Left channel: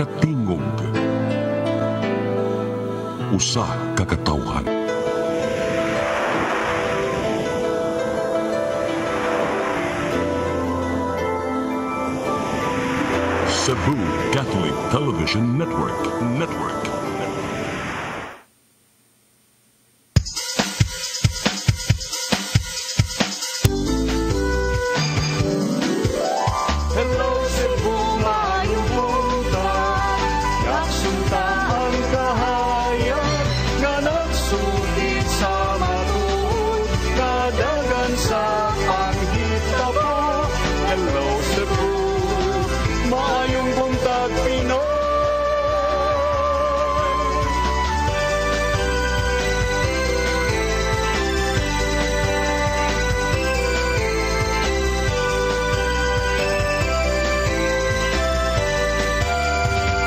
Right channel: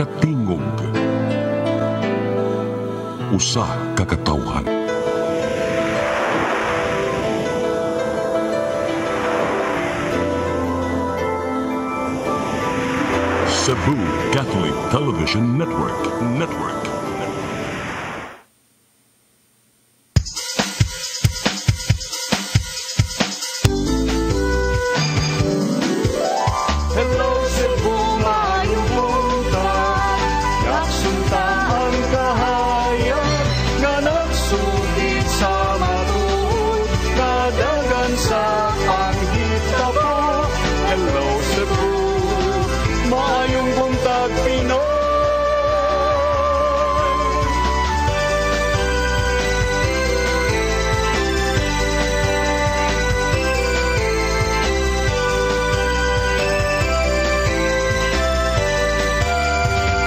katingog, usa ka katawhan. Cebu Catholic Television Network. Hello Cebu, maayong buntag. Kasunta ang kahayag nga nagsugid sa matuod, kadagan sa panghita po. Hello Cebu, maayong buntag Pinoy.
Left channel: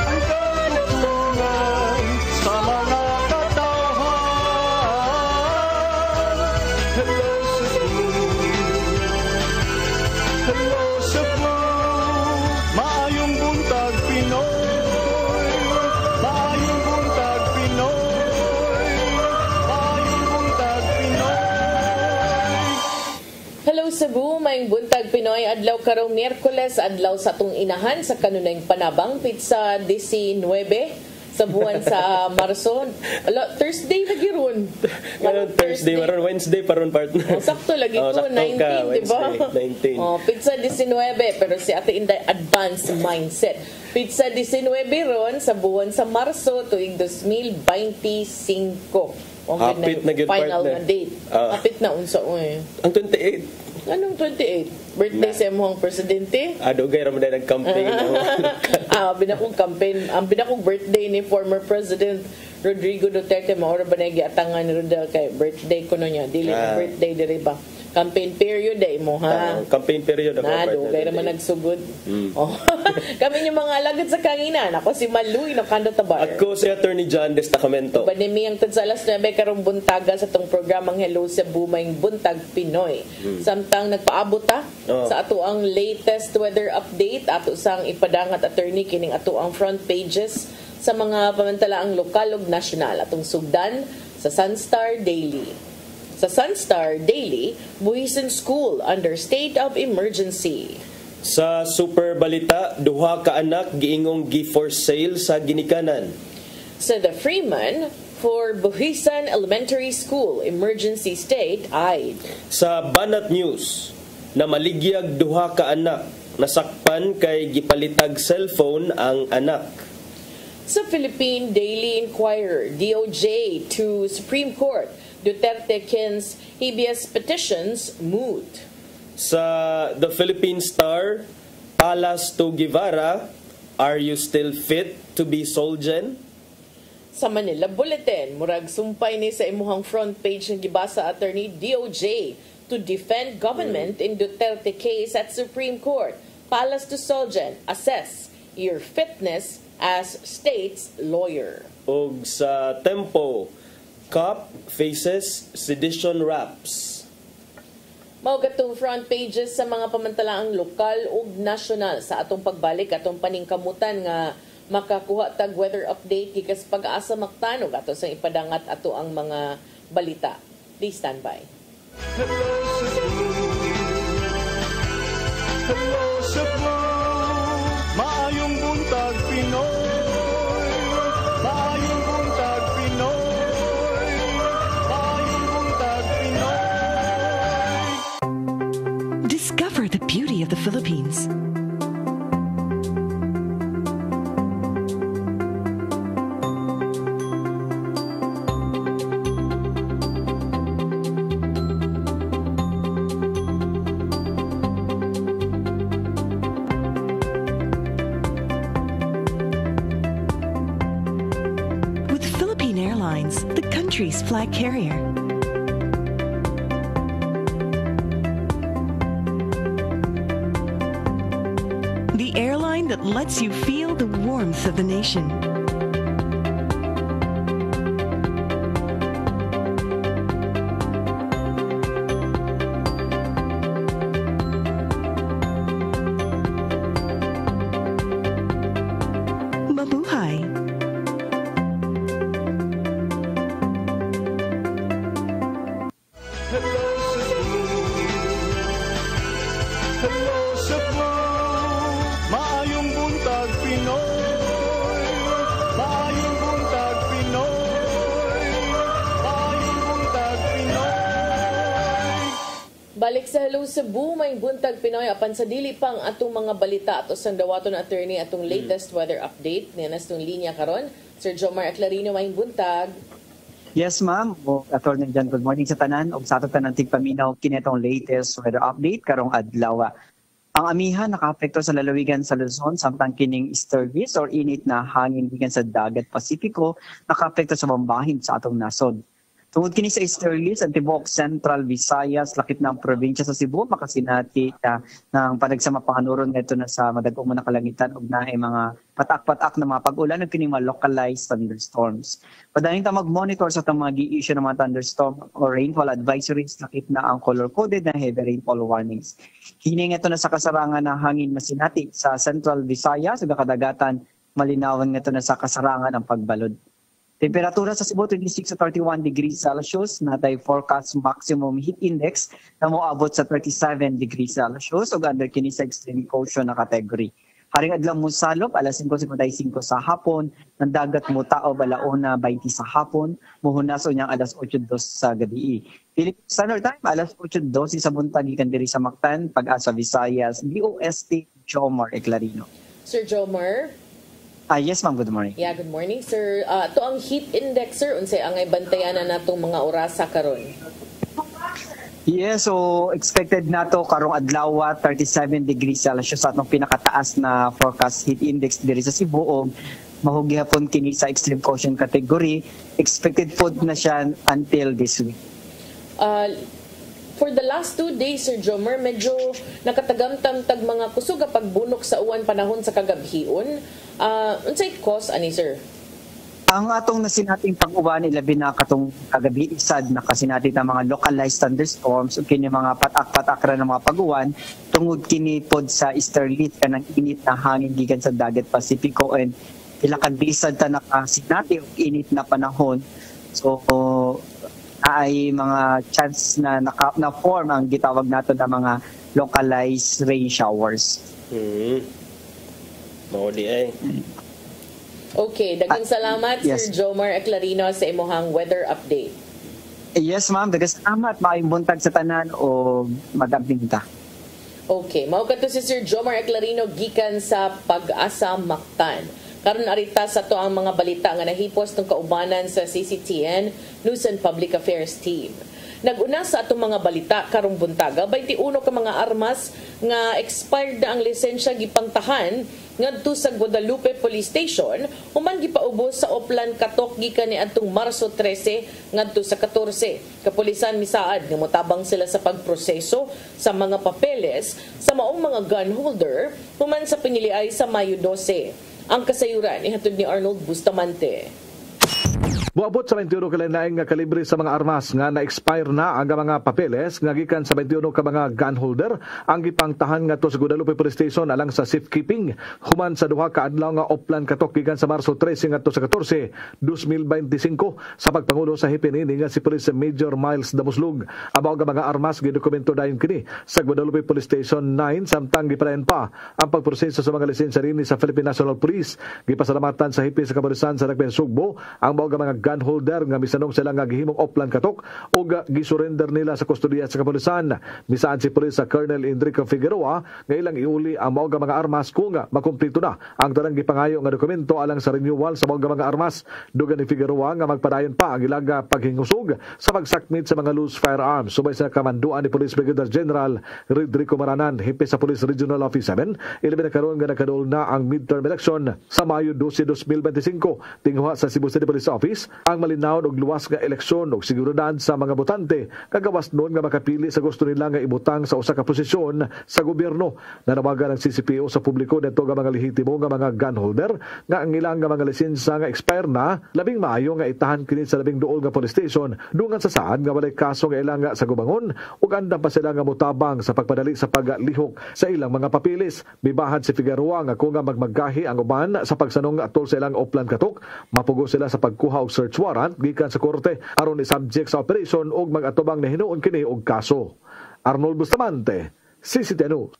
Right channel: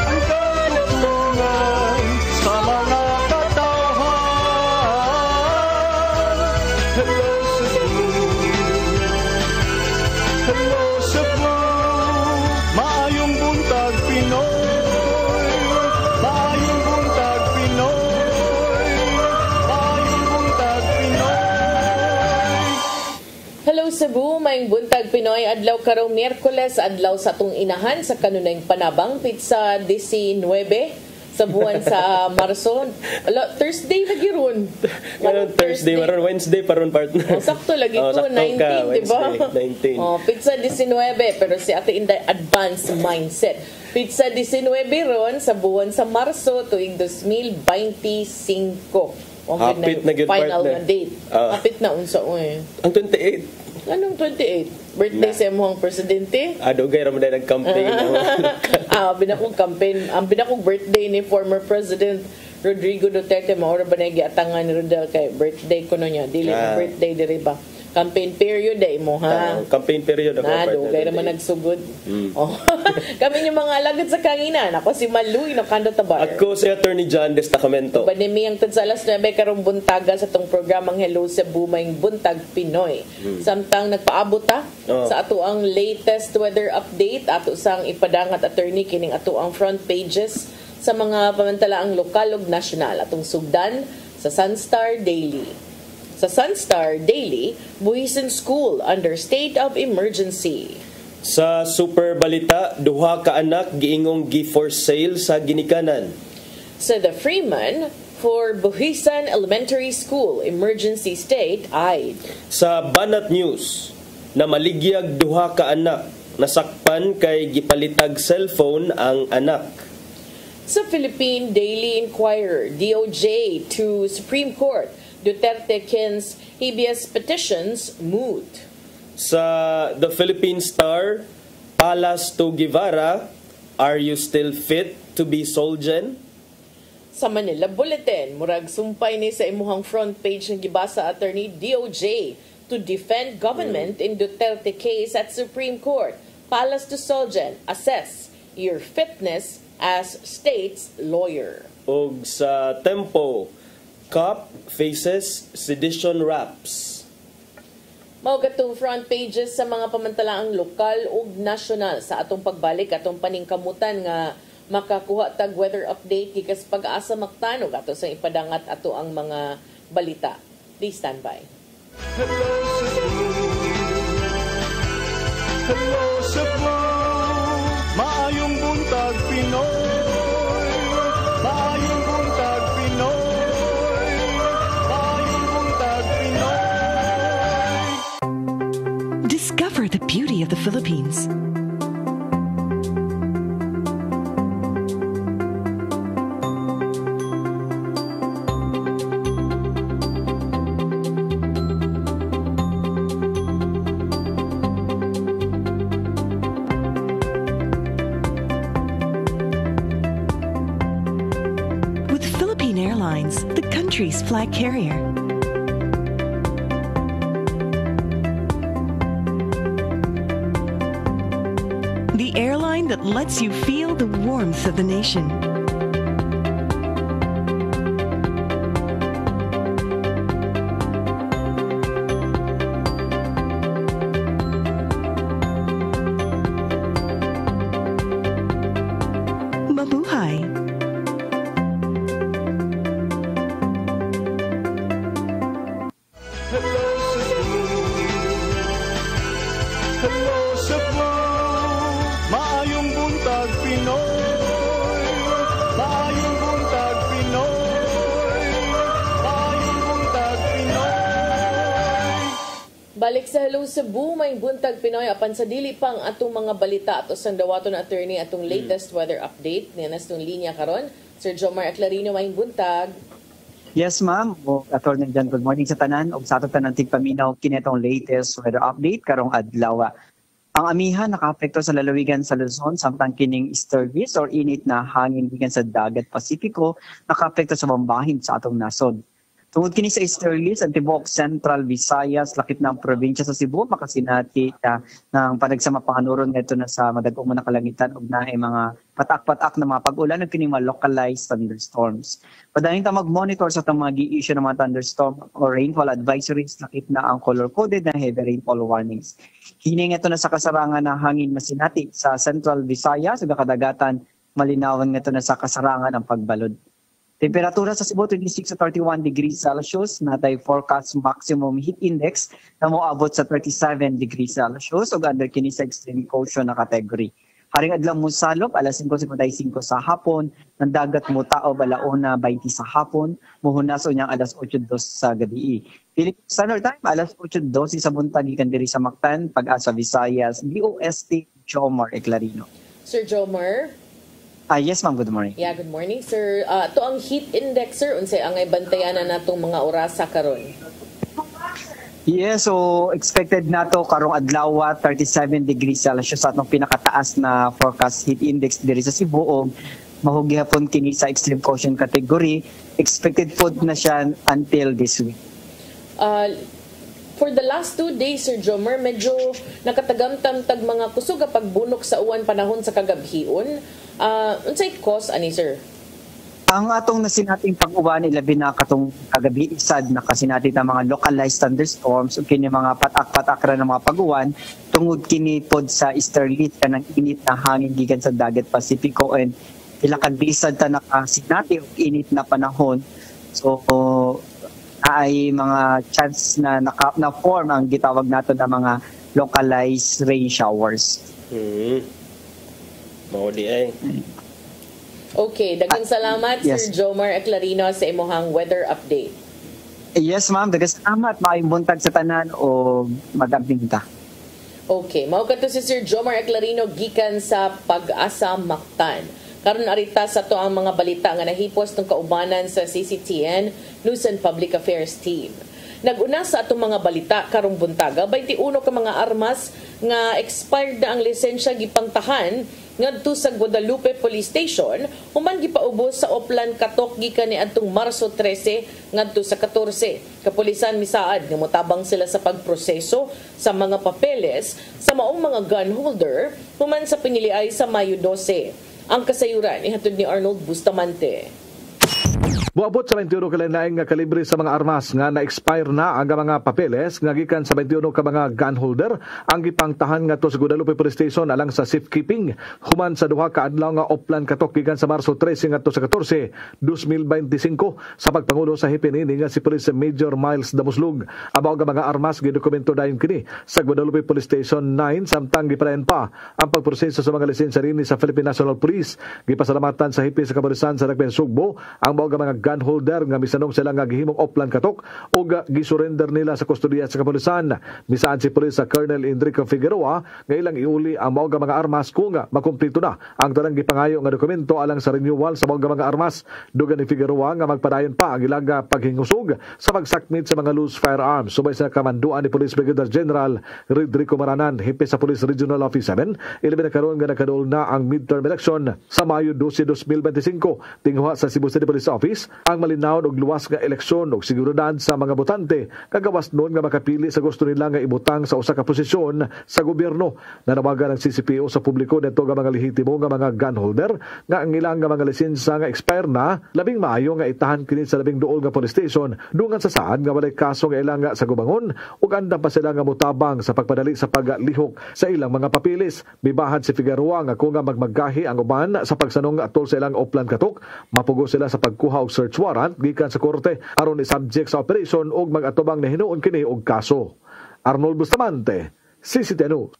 Ang katutulungan sa mga katawhan. Hello Cebu, hello Cebu, maayong buntag Pinoy. Maayong buntag Pinoy. Maayong buntag Pinoy. Hello Cebu, maayong buntag Pinoy. Adlaw karong Miyerkules, adlaw sa atong inahan sa kanunayng panabang pizza 19 sa buwan sa Marso. Thursday lagi ron. Ngayon Thursday, maron Wednesday paron partner. Sakto lagi ko, sakto 19, ka, di ba? Wednesday, 19. Pizza 19, pero si Ate Inday advanced mindset. Pizza 19 ron sa buwan sa Marso tuwing 2025. Hapit na gyud, final partner. na date. Hapit na unsa Ang 28. Anong 28? Birthday sa imong presidente? Dugay ra man dahil nag-campaign. Binakong campaign, ang binakong birthday ni former President Rodrigo Duterte, maura ba na giatangan ni Rodel kay birthday ko no niya. Dili na birthday diri ba? Campaign period ay mo ha. Campaign period ako. Dugay naman nagsugod. Kami yung mga alagad sa kanginan. Ako si Maluy na kanda tabar. Ako si Attorney John Destacamento. Panimiyang tad sa alas 9 karong buntaga sa tong programang Hello Cebu, maayong buntag Pinoy. Samtang nagpaabot ta sa ato ang latest weather update, ato sang ipadangat attorney kining ato ang front pages sa mga pamantalaang lokal ug nasyonal atong sugdan sa Sunstar Daily. Sa Sunstar Daily, Buhisan School under state of emergency. Sa Super Balita, duha ka anak giingong gi-for sale sa ginikanan. Sa The Freeman, for Buhisan Elementary School, emergency state eyed. Sa Banat News, na maligyag duha ka anak, nasakpan kay gipalitag cellphone ang anak. Sa Philippine Daily Inquirer, DOJ to Supreme Court, Duterte Kins habeas petitions moot. Sa The Philippine Star, Palas to Guevara, are you still fit to be Solgen? Sa Manila Bulletin, murag sumpay ni sa imuhang front page ng gibasa attorney DOJ to defend government in Duterte case at Supreme Court. Palas to Solgen, assess your fitness as state's lawyer. Og sa Tempo, Cop faces sedition raps. Mao gatong front pages sa mga pamantalaang lokal ug nasyonal sa atong pagbalik atong paningkamutan nga makakuha tag weather update gikas pag-asa maktanog ato sa ipadangat ato ang mga balita. Please stand by. Hello Cebu, hello Cebu, maayong buntag Pinoy. Maayong buntag Pinoy. Maayong buntag Pinoy. Discover the beauty of the Philippines. With Philippine Airlines, the country's flag carrier. The airline that lets you feel the warmth of the nation. mabuhay. Hello Cebu, maayong buntag Pinoy, maayong buntag Pinoy, maayong buntag Pinoy. Balik sa Hello Cebu, may buntag Pinoy apan sa dili pang atong mga balita ato sa dawaton attorney atong latest weather update niya tong linya karon. Sir Jomar Aclarino, may buntag. Yes, ma'am. Attorney Jan, good morning sa tanan. Og sa ato tanan tigpaminaw kinitong latest weather update karong adlaw. Ang amihan nakaapekto sa lalawigan sa Luzon samtang kining easterlies or init na hangin gikan sa dagat Pasipiko nakaapekto sa mambahin sa atong nasod. Tungod kini sa easterlies, ang tibuok Central Visayas, lakip ng probinsya sa Cebu, makasinati ng panagsama panganuron nito na sa madagong mga kalangitan ug naay mga patak-patak na mga pag-ulan ug kini mga localized thunderstorms. Padayon ta mag-monitor sa itong mga gi-issue ng mga thunderstorm or rainfall advisories, lakip na ang color-coded na heavy rainfall warnings. Kini ito na sa kasarangan na hangin masinati sa Central Visayas ug kadagatan malinawan nito na sa kasarangan ang pagbalod. Temperatura sa Cebu 26 to 31 degrees Celsius, natay forecast maximum heat index na moabot sa 37 degrees Celsius ug under kini sa extreme caution na category. Haring adlaw mo salop alas 5:55 sa hapon, ng dagat mo taob alauna 20 sa hapon, muhunas unyang alas 8:02 sa gabi. Philippine Standard Time alas 8:12 sa buntag gikan diri sa Mactan, Pag-asa Visayas, DOST Jomar Aclarino. Sir Jomar. Yes ma'am, good morning. Yeah, good morning, sir. To ang heat index, sir, unsay angay bantayan na natong mga orasa karon? Yes, so expected nato karong adlaw 37 degrees Celsius sa atong pinakataas na forecast heat index diri sa Cebu ug mahugi hapon kini sa extreme caution category. Expected food na siya until this week. For the last 2 days, Sir Jomer, medyo nakatagamtam-tag mga kusog pagbunok sa uwan panahon sa kagabhion. Unsay cause ani, sir? Ang atong nasinating pag-uwan ilabi na katong kagabi isad na kasinating na mga localized thunderstorms ug kini mga patak-patak ra ng mga pag-uwan tungod kini pod sa easterlies kanang init na hangin gikan sa dagat Pasipiko and pila ka bisad ta nakasinati og init na panahon. So ay mga chance na na-form ang gitawag nato na mga localized rain showers. Maudi ay. Okay, daghang salamat, yes. Sir Jomar Aclarino sa imong weather update. Yes ma'am, daghang salamat. Maayong buntag sa tanan o magamping ta. Okay, mao kadto si Sir Jomar Aclarino gikan sa Pag-asa Mactan. Karon arita sa to ang mga balita nga nahipos tong kaubanan sa CCTN News and Public Affairs Team. Nag-una sa atong mga balita karong buntaga 21 ka mga armas nga expired na ang lisensya gipangtahan ngadto sa Guadalupe Police Station human gipaubos sa Oplan Katok gikan ni adtong Marso 13 ngadto sa 14. Kapulisan misaad nga motabang sila sa pagproseso sa mga papeles sa maong mga gun holder human sa piniliay sa Mayo 12. Ang kasayuran ihatod ni Arnold Bustamante. Buabot sa 21 kalain-laing nga kalibre sa mga armas nga na-expire na ang mga papeles nga gikan sa 21 ka mga gun holder ang gipangtahan ngadto sa Guadalupe Police Station alang sa safekeeping human sa duha ka adlaw nga Oplan Katok gikan sa Marso 13 ngadto sa 14, 2025 sa pagpangulo sa hipinini nga si Police Major Miles Damuslug. Abaw nga mga armas gidokumento dayon kini sa Guadalupe Police Station 9 samtang gipadayon pa ang pagproseso sa mga lisensya rini sa Philippine National Police. Gipasalamatan sa hipin sa kapulisan sa Dakben Sugbo ang mga mga gun holder nga misanong sila nga gihimong Oplan Katok o gisurrender nila sa kustodiya sa kapulisan. Misaan si Police sa Colonel Enrico Figueroa nga ilang iuli ang mga armas kung makumpleto na ang tanang gipangayo nga dokumento alang sa renewal sa mga armas. Dugan ni Figueroa nga magpadayon pa ang ilang paghingusog sa pagsakmit sa mga loose firearms. Subay sa kamanduan ni Police Brigadier General Rodrigo Maranan, hipi sa Police Regional Office 7, ilabi na karon nga nakadol na ang midterm election sa Mayo 12, 2025 tinguha sa Cebu City Police Office ang malinaw og luwas nga eleksyon og seguridad sa mga botante kagawas noon nga makapili sa gusto nila nga ibutang sa usa ka posisyon sa gobyerno. Nanawagan ang CCPO sa publiko dito nga mga lehitimo nga mga gun holder nga ang ilang nga mga lisensya nga expire na labing maayo nga itahan kini sa labing duol nga police station dungan sa saan nga walay kaso nga ilang nga sa gubangon ug andam pa sila nga mutabang sa pagpadali sa paglihok sa ilang mga papilis. Bibahad si Figueroa nga kung nga magmagahi ang uban sa pagsanong atol sa ilang Oplan katok, mapugo sila sa pagkuha og search warrant gikan sa korte aron i-subject sa operasyon ug mag-atubang na hinuon kini og kaso. Arnold Bustamante, CCTV News.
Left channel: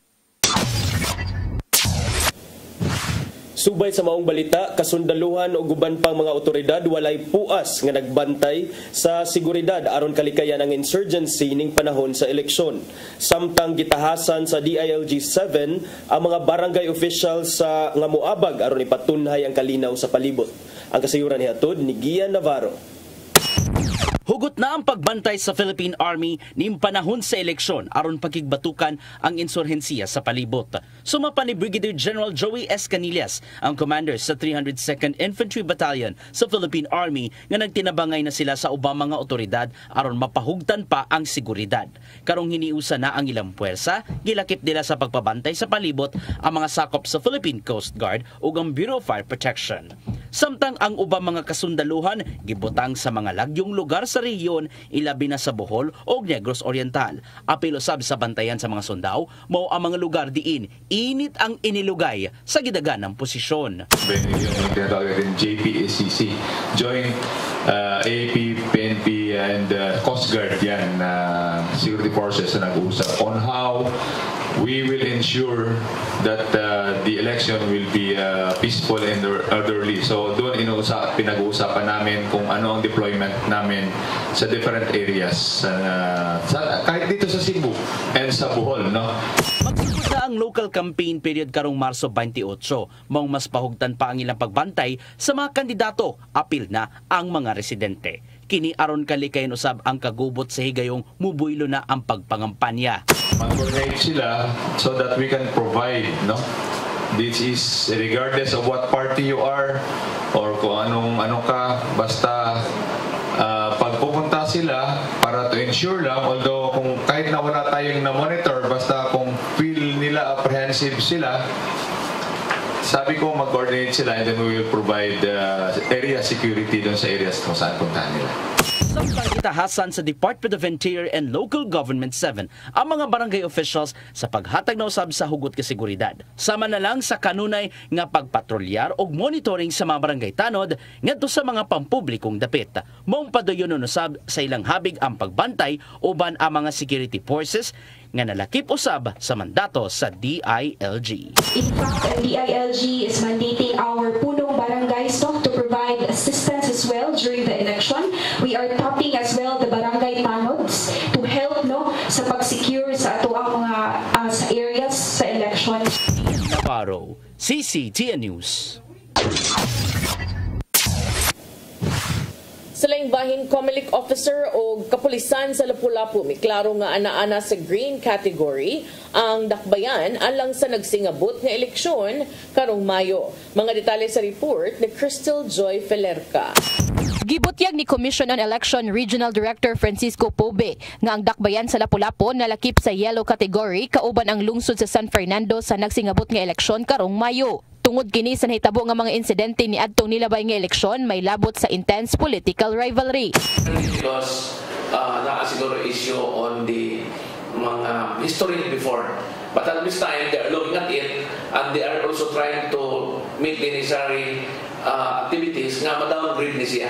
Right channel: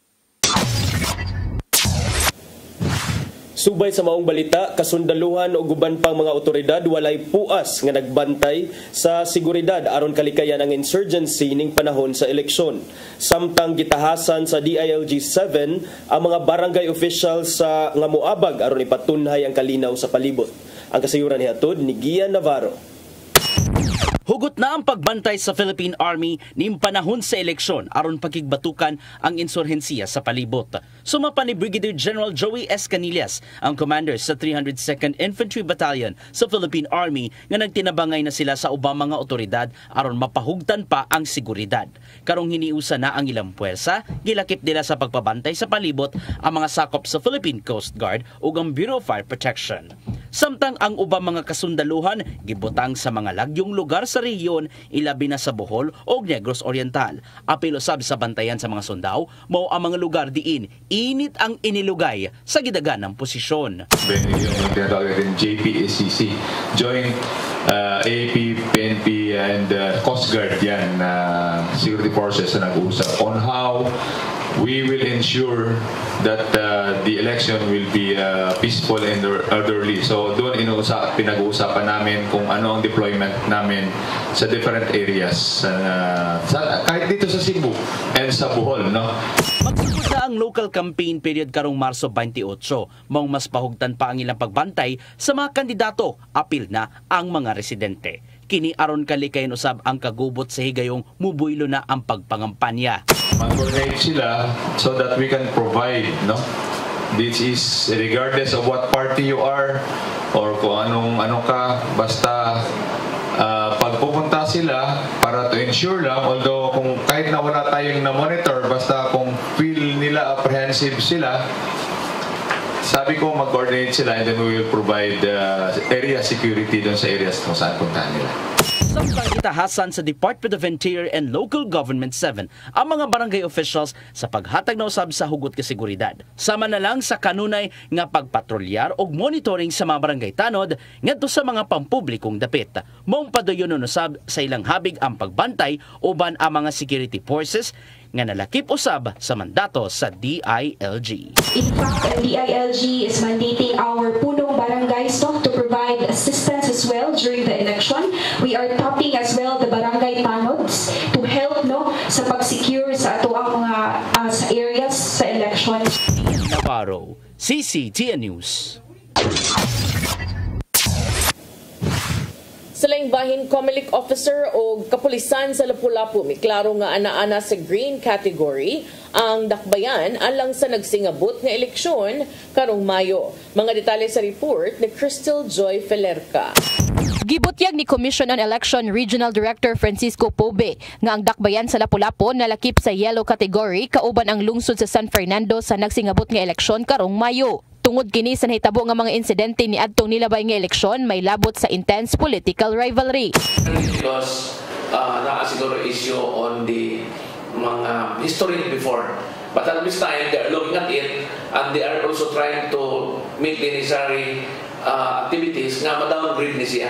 Subay sa maong balita, kasundaluhan o guban pang mga otoridad walay puas nga nagbantay sa seguridad aron kalikayan ang insurgency ning panahon sa eleksyon. Samtang gitahasan sa DILG 7 ang mga barangay officials sa nga moabag aron ipatunhay ang kalinaw sa palibot. Ang kasayuran ni hatod ni Gian Navarro. Hugot na ang pagbantay sa Philippine Army ning panahon sa eleksyon aron pakigbatukan ang insurhensiya sa palibot. Sumapa ni Brigadier General Joey S. Canillas, ang commander sa 302nd Infantry Battalion sa Philippine Army, nga nagtinabangay na sila sa ubang mga otoridad aron mapahugtan pa ang seguridad. Karong hiniusa na ang ilang puwersa, gilakip nila sa pagpabantay sa palibot ang mga sakop sa Philippine Coast Guard ug ang Bureau of Fire Protection. Samtang ang ubang mga kasundaluhan gibutang sa mga lagyong lugar sa rehiyon, ilabi na sa Bohol o Negros Oriental. Apil usab sa bantayan sa mga sundaw, mao ang mga lugar diin init ang inilugay sa gidagan ng posisyon. Yung tinatawag din JPSCC, Joint AP, PNP and Coast Guard yan, security forces na nag-uusap on how we will ensure that the election will be peaceful and orderly. So doon pinag-uusapan namin kung ano ang deployment namin sa different areas, kahit dito sa Cebu and sa Bohol, no? Magsimula ang local campaign period karong Marso 28, maong mas pahugtan pa ang ilang pagbantay sa mga kandidato, apil na ang mga residente. Kini aron kalikayan usab ang kagubot sa higayong mubuylo na ang pagpangampanya. Mag-coordinate sila so that we can provide, no? This is regardless of what party you are or kung ano ka, basta pagpupunta sila para to ensure lang, although kung kahit na wala tayong na-monitor, basta kung feel nila apprehensive sila, sabi ko mag-coordinate sila and then we will provide area security doon sa areas kung saan puntahan nila. Samtang itahasan sa Department of Interior and Local Government 7 ang mga barangay officials sa paghatag na usab sa hugot ka seguridad. Sama na lang sa kanunay nga pagpatrolyar o monitoring sa mga barangay tanod ngadto sa mga pampublikong dapit. Maong padayon usab sa ilang habig ang pagbantay uban ang mga security forces nga nalakip usab sa mandato sa DILG. In fact, DILG is mandating our punong barangays to provide assistance as well during the election. We are tapping as well the barangay tanods to help sa pag-secure sa ato ang mga sa areas sa election. Navarro, CCTN News. Sa laing bahin, Comelec officer o kapulisan sa Lapu-Lapu may klaro nga ana-ana sa green category ang dakbayan alang sa nagsingabot nga eleksyon karong Mayo. Mga detalye sa report ni Crystal Joy Felerca. Gibutyag ni Commission on Election Regional Director Francisco Pobe nga ang dakbayan sa Lapu-Lapu nalakip sa yellow category kauban ang lungsod sa San Fernando sa nagsingabot nga eleksyon karong Mayo. Tungod kini sa nahitabo nga mga insidente ni adtong nilabay nga eleksyon, may labot sa intense political rivalry. Because siguro issue on the mga history before. But at this time, they are looking at it and they are also trying to make the necessary activities nga ma-downgrade ni siya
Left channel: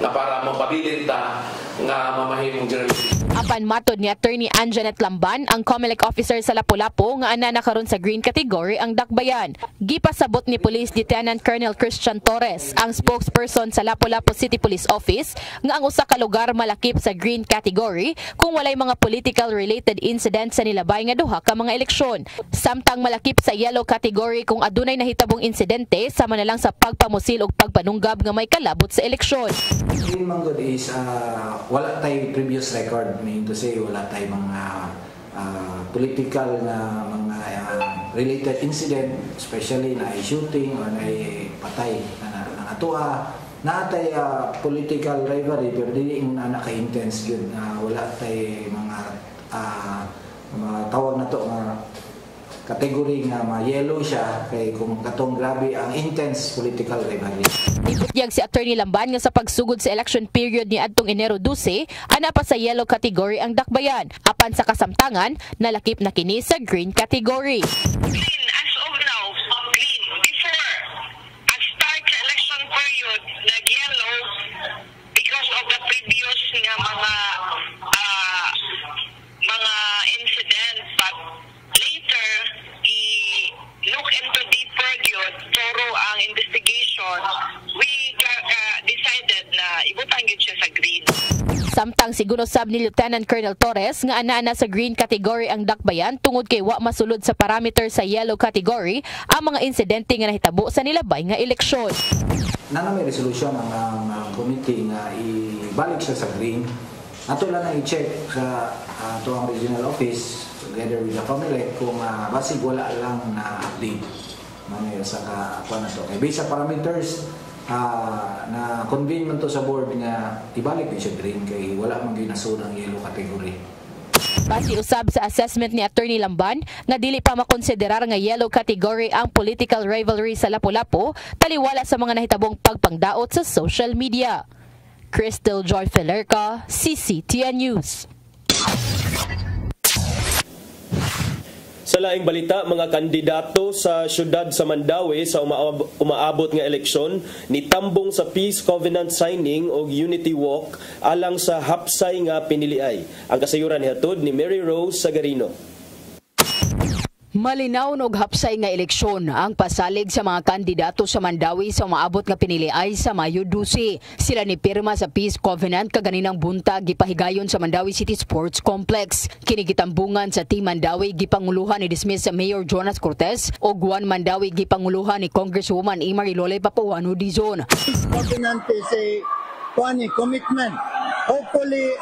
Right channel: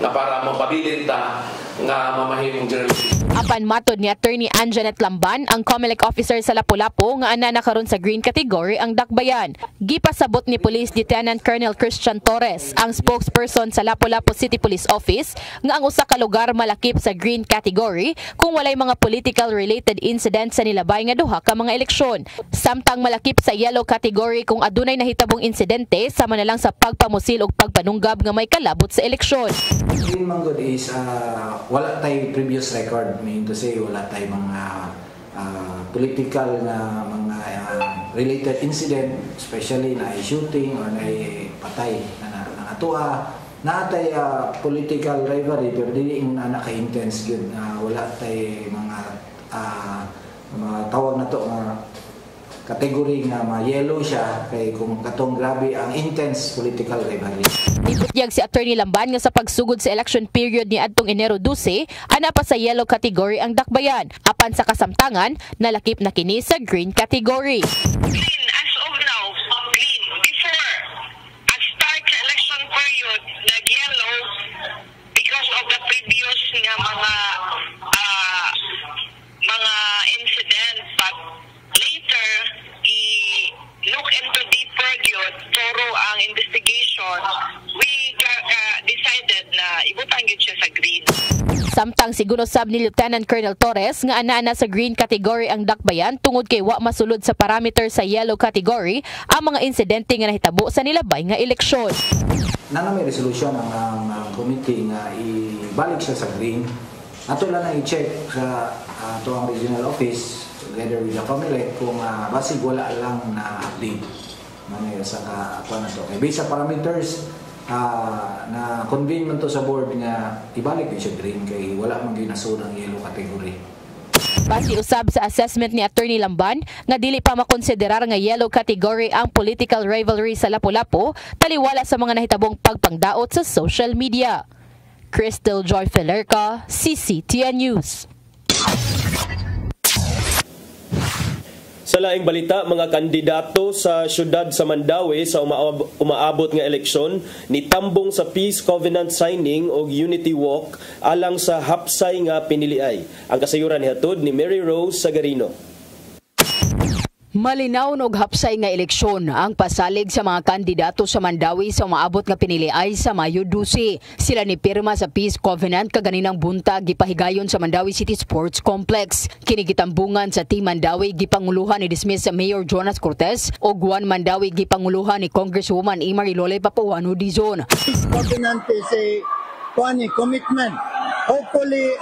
nga para mapabilin ta nga mamahimong generation. Apan matod ni Attorney Anjanet Lamban, ang Comelec officer sa Lapu-Lapu nga ana nakaron sa green category ang dakbayan. Gipasabot ni Police Lieutenant Colonel Christian Torres, ang spokesperson sa Lapu-Lapu City Police Office, nga ang usa ka lugar malakip sa green category kung walay mga political related incidents sa nilabay nga duha ka mga eleksyon. Samtang malakip sa yellow category kung adunay nahitabong insidente sama na lang sa pagpamusil ug pagpanunggab nga may kalabot sa eleksyon. Green manggod is wala tay previous record, meaning to say wala tay mga political na mga related incident, especially na shooting or na patay na natuha natay political rivalry pero dili mo na ka-intense yun. Wala tay mga tawag na to kategory nga ma-yellow siya kay kung katong grabe ang intense political rivalry. Ibutyag si Attorney Lamban nga sa pagsugod sa election period ni adtong Enero 12, ana pa sa yellow category ang dakbayan. Apan sa kasamtangan, nalakip na kini sa green category. As of now, green. Before, at start sa election period, nag-yellow because of the previous nga mga incident. But later, look into deeper yun, thoro ang investigation, we decided na ibutang yun siya sa green. Samtang siguro sab ni Lieutenant Colonel Torres nga ana sa green category ang dakbayan tungod kay wa masulod sa parameter sa yellow category ang mga insidente nga nahitabo sa nilabay nga eleksyon. Nang may resolution ang committee nga ibalik siya sa green. Ato lang na i-check sa ato ang regional office together with the COMELEC kung basig wala lang na update manay sa ato na to. Kay based sa parameters na convene man to sa board nga ibalik siya green kay wala man ginasud ang yellow category. Base usab sa assessment ni Attorney Lamban nga dili pa makonsiderar nga yellow category ang political rivalry sa Lapu-Lapu taliwala sa mga nahitabong pagpangdaot sa social media. Crystal Joy Felerca, CCTN News. Sa laing balita, mga kandidato sa syudad sa Mandawi sa umaabot nga eleksyon nitambong sa Peace Covenant Signing o Unity Walk alang sa hapsay nga piniliay. Ang kasayuran nihatod ni Mary Rose Sagarino. Malinaw og hapsay nga eleksyon ang pasalig sa mga kandidato sa Mandawi sa umaabot nga piniliay sa Mayo 12. Sila ni pirma sa Peace Covenant kaganinang buntag gipahigayon sa Mandawi City Sports Complex. Kinigitambungan sa Team Mandawi gipanguluhan ni dismiss sa Mayor Jonas Cortez o Juan Mandawi gipanguluhan ni Congresswoman Imari Lole Papuano Dizon. Peace Covenant is a commitment. Hopefully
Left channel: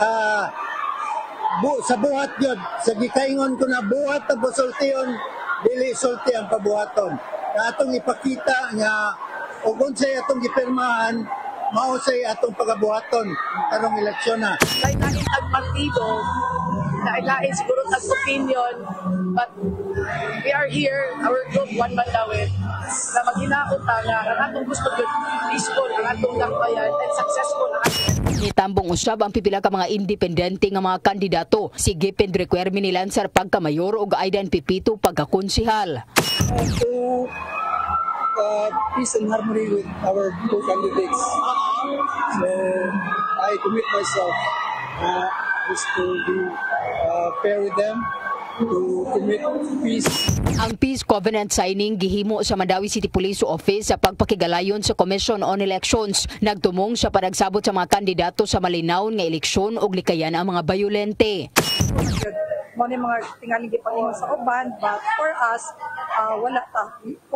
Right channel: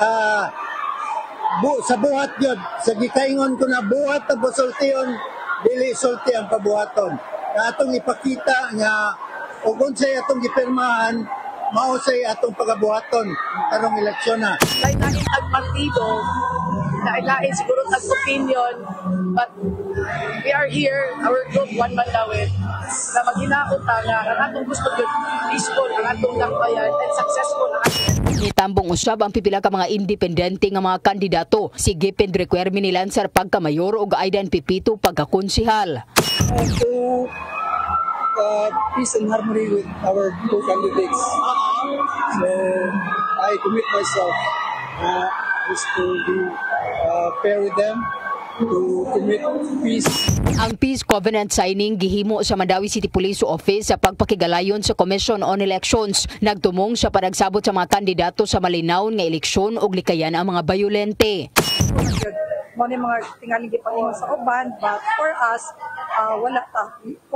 sa buhat yun, sa gikaingon ko na buhat na pasultiyon, dili sulti ang pabuhaton. Na atong ipakita nga, o kung sa'y atong gipirmahan, mausay atong pagabuhaton karong eleksyon na. Lain-lain ang partido, lain-lain siguro ang opinion, but we are here, our group, One Mandawi, na maghinaot nga ang atong gusto yun, peaceful, ang atong lakbayan, and successful. Nitambong usab ang pipila ka mga independente nga mga kandidato. Si Gipin Requermi ni Lancer pagkamayor ug Aidan Pipito pagkakonsihal. Peace and harmony with our two candidates. So I commit myself to be fair with them, to commit peace. Ang Peace Covenant signing gihimo sa Mandawi City Police Office sa pagpakigalayon sa Commission on Elections. Nagtumong sa panagsabot sa mga kandidato sa malinaw nga eleksyon ug likayan ang mga bayolente. Mga tingaling gipaingon sa uban, but for us, wala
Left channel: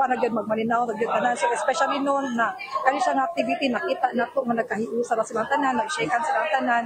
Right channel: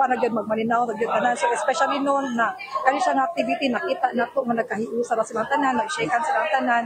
na gyud magmalinaw na gyud tanan. So especially noon na kani sa activity nakita nato nga nagkahiusa ra silang tanan, nag-shakean silang tanan,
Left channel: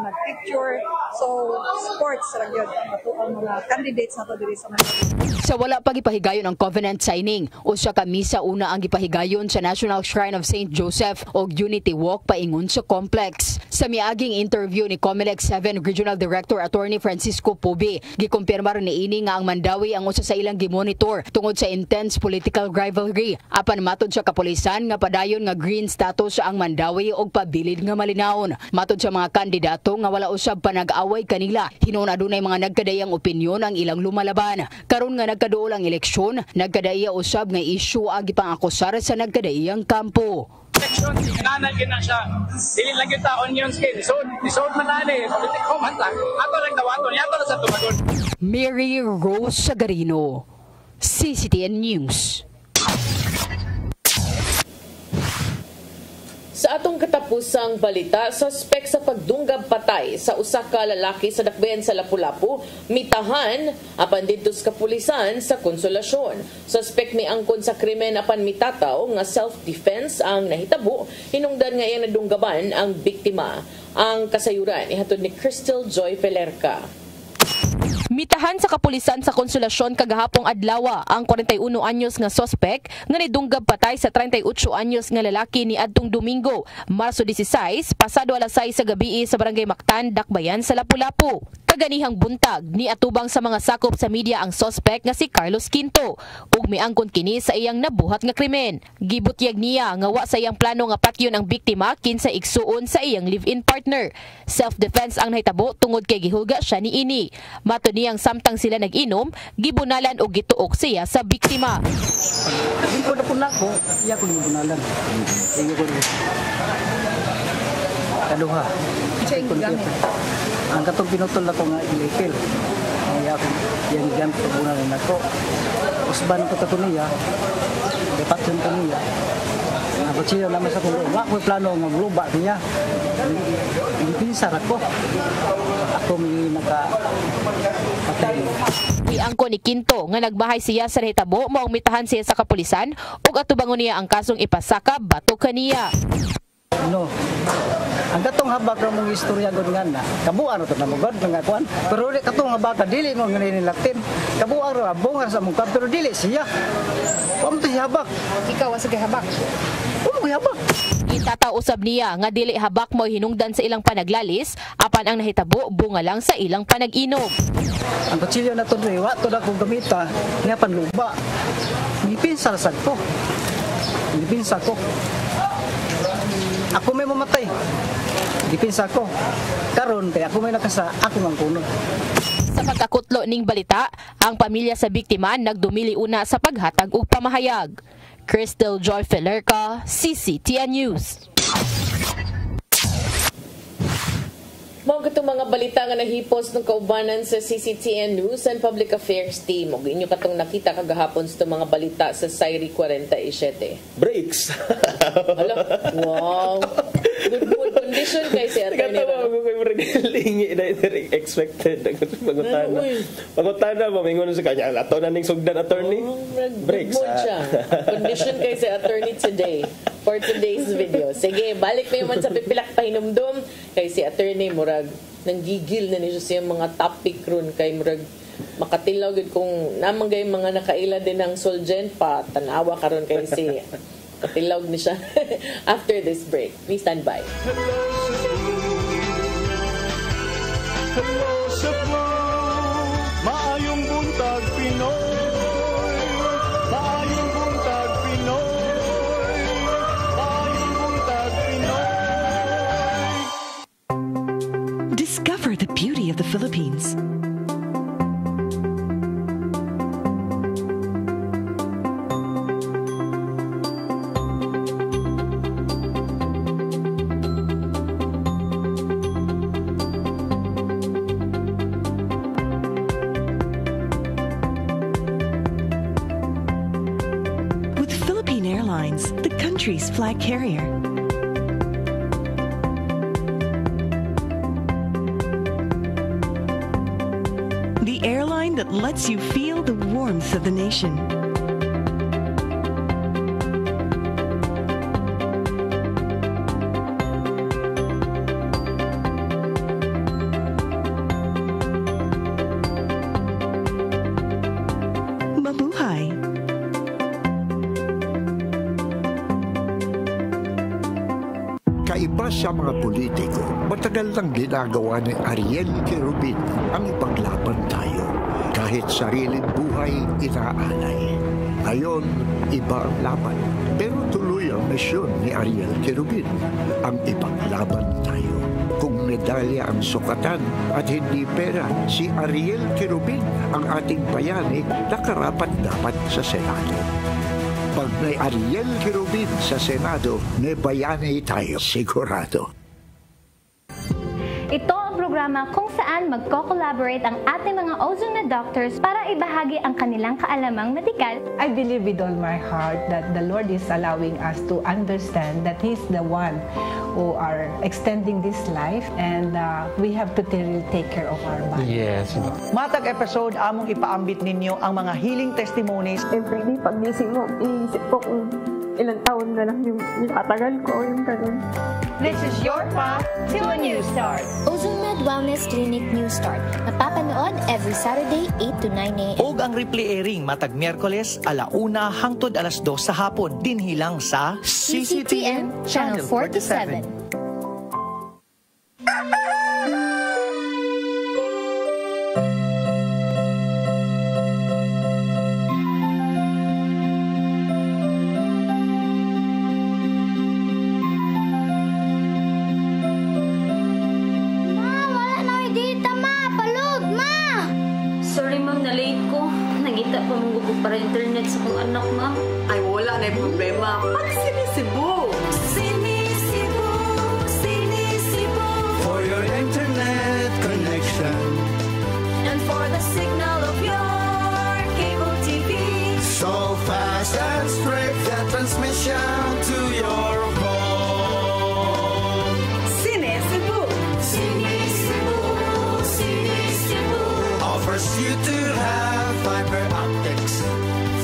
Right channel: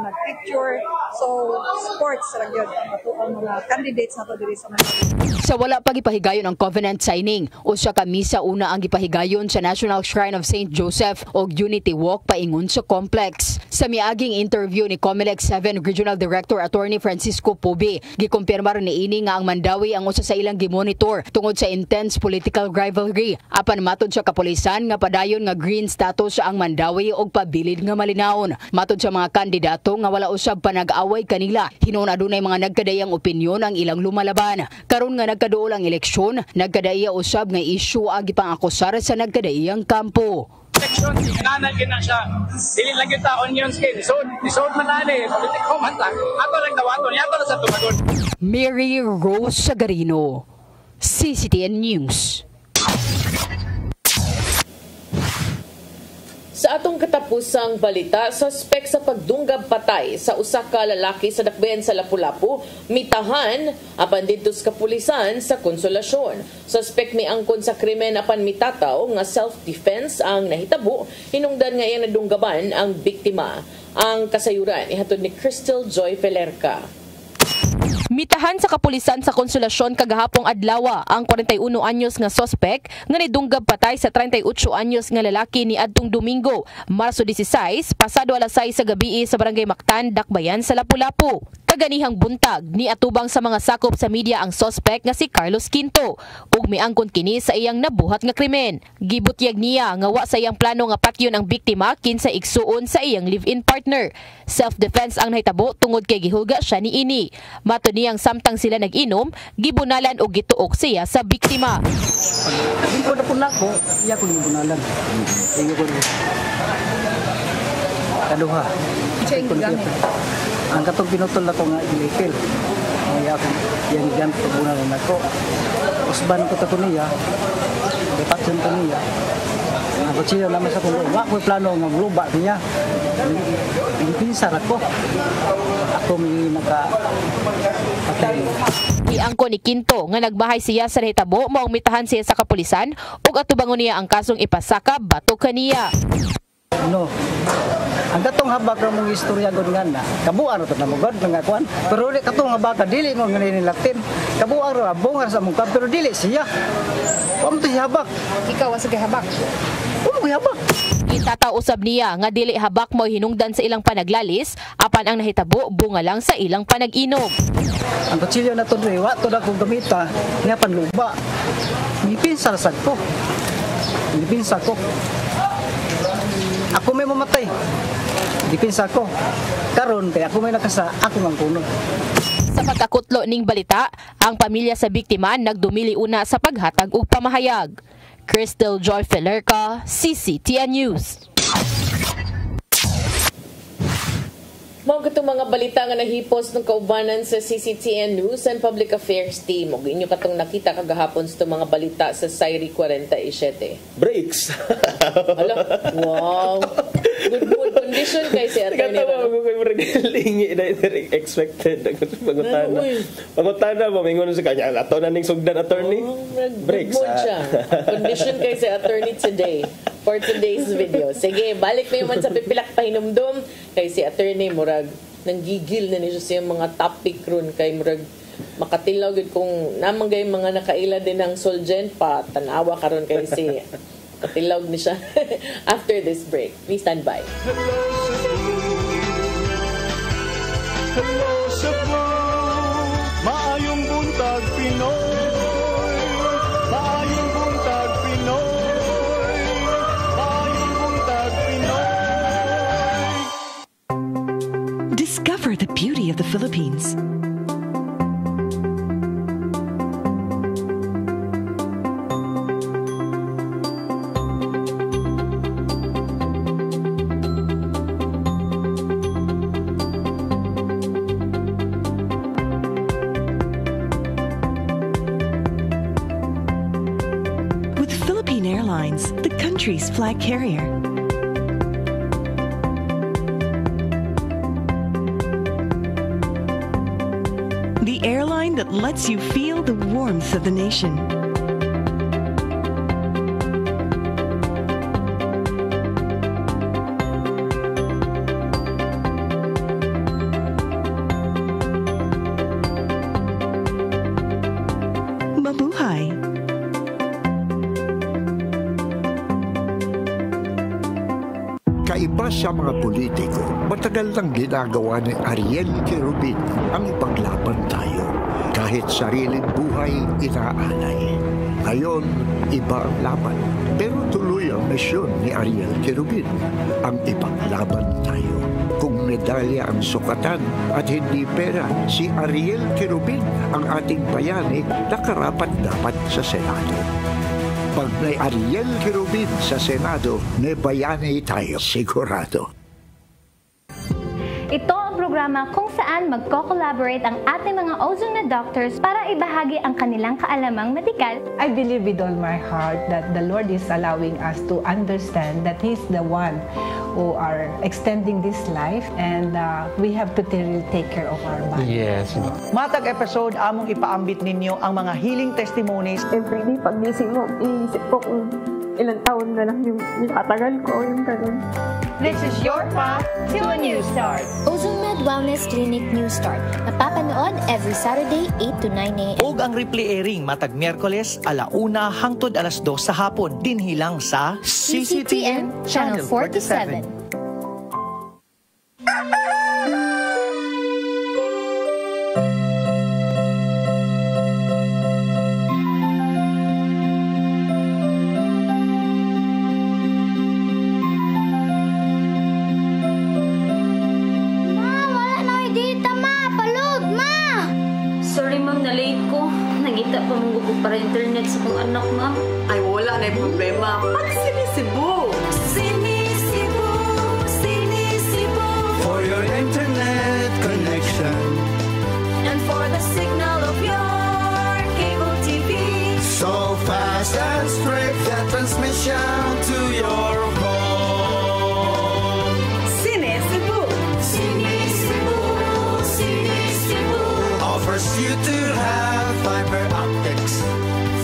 nag-picture. So sports ra gyud ang mga candidates nato diri sa Mandawi. Sa wala pa gipahigayon ang covenant signing, usa ka misa una ang gipahigayon sa National Shrine of St. Joseph og Unity Walk paingon sa complex. Sa miaging interview ni COMELEC 7 Regional Director Attorney Francisco Pobe, gikumpirmar niini nga ang Mandawi ang usa sa ilang gimonitor tungod sa intense political rivalry. Apan matod sa kapulisan nga padayon nga green status ang Mandawi og pabilid nga malinawon. Matod sa mga kandidato nga wala usab pa nag-away kanila, hinuon adunay mga nagkadayang opinyon ang ilang lumalaban. Karon nga nagkaduol ang eleksyon, nagkadaiya usab nga issue ang gipangakusar sa nagkadaiyang kampo. Eleksyon, kinanan gina siya. Dili lang kita onion skin. Isod man na ni, politiko man lang. Ato lang dawaton, yato lang sa tumagon. Mary Rose Sagarino, CCTN News. Sa atong katapusang balita, suspek sa pagdunggab patay sa usa ka lalaki sa dakbayan sa Lapu-Lapu, mitahan apan didto sa kapulisan sa Konsolasyon. Suspek ni angkon sa krimen apan mitataw nga self-defense ang nahitabo, hinungdan nga iyang nadunggaban ang biktima. Ang kasayuran ihatod ni Crystal Joy Felerca. Mitahan sa kapulisan sa Konsolasyon kagahapong adlaw ang 41 anyos nga sospek nga nidunggab patay sa 38 anyos nga lalaki ni adtong Domingo, Marso 16, pasado alas 6 sa gabi sa Barangay Mactan, Dakbayan sa Lapu-Lapu. Kaganihang buntag ni atubang sa mga sakop sa media ang sospek nga si Carlos Quinto ug miangkon kini sa iyang nabuhat nga krimen. Gibutyag niya nga wa sa iyang plano nga patyon ang biktima kinsa igsuon sa iyang live-in partner. Self-defense ang nahitabo tungod kay gihulga siya niini. Mato niyang samtang sila nag-inom, gibunalan o gituok siya sa biktima. Hindi ko na po, iya ko gibunalan. Iyo ko kaduha. Ang katong pinutol ako nga ilikil. Iya ko yan gibunalan ako. Usban ko ta niya. Detakson ko niya. Ako siya naman sa kulo. Wa ko plano nga luba niya. Pinsar ako. Ako may patay. Iangko ni Quinto nga nagbahay siya sa nahitabo mao mitahan siya sa kapulisan ug atubangon niya ang kasong ipasaka batok kaniya. No. Ang datong habak ra mong istorya gud nga na. Kabuan to na mogod nga kuan. Pero katong habak dili mo nilaktin. Kabuan ra bungar sa mong pero dili siya. Wa mo siya habak. Ikaw sa habak. Habak. Itataw usab niya nga dili habak mo hinungdan sa ilang panaglalis apan ang nahitabo bunga lang sa ilang panag-inom. Ang kutsilyo na to wa to na kong gamita nga panluba. Mipinsar sad ko. Mipinsar ko. Ako may mamatay. Mipinsar ko. Karon kaya ako may nakasa ako mang kuno. Sa pagkakutlo ning balita, ang pamilya sa biktima nagdumili una sa paghatag og pamahayag. Crystal Joy Felerca, CCTN News. Mao katong mga balita nga nahipos ng kaubanan sa CCTN News and Public Affairs Team. Ug inyo katong nakita kagahapon sa mga balita sa Sairi 47. Breaks. Hala, wow. Good condition kay si attorney. Katawa ko kay Regalingi na expected. Pangutana ba mingon sa kanya ato na ning sugdan attorney. Breaks. Siya. Condition kay si attorney today for today's video. Sige, balik na man sa pipilak pahinumdum kay si attorney murag nanggigil na niya sa mga topic ron kay murag makatilaw gid kung namang gay mga nakaila din ng Solgen pa tanawa karon kay si katilaw ni siya. After this break, please stand by. Hello Cebu, maayong buntag Pinoy. Maayong buntag Pinoy. Maayong buntag Pinoy. Discover the beauty of the Philippines. With Philippine Airlines, the country's flag carrier. The airline that lets you feel the warmth of the nation. Mabuhay. Kaiba sa mga politiko, matagal nang ginagawa ni Ariel Querubin ang ipaglaban tayo. Kahit sariling buhay inaalay. Ngayon, iba ang laban. Pero tuloy ang misyon ni Ariel Querubin, ang ipaglaban tayo. Kung medalya ang sukatan at hindi pera, si Ariel Querubin ang ating bayani na karapat-dapat sa Senado. Pag may Ariel Querubin sa Senado, may bayani tayo sigurado. Ito ang programa kung saan magko-collaborate ang ating mga ozone na doctors para ibahagi ang kanilang kaalamang medikal. I believe with all my heart that the Lord is allowing us to understand that He's the one who are extending this life and we have to take care of our body. Yes. Matag episode, among ipaambit ninyo ang mga healing testimonies. Every day, pag gising mo, iisip ko kung ilang taon na lang yung tatagal ko, yung ganun. This is your path to a new start. Ozomed Wellness Clinic New Start. Napapanood every Saturday 8 to 9 a.m. Og ang replay airing matag Miyerkules 1:00 hangtod 2:00 sa hapon dinhi lang sa CCTN Channel 47. Sorry ma'am, na-late ko. Nangita pa mong gusto para internet sa kong anak ma'am. Ay, wala na yung problema. Pag-sinisibo! Sinisibo, sinisibo for your internet connection and for the signal of your cable TV. So fast and straight that transmission to your home. Sinisibo, sinisibo, sinisibo offers you to have fiber optics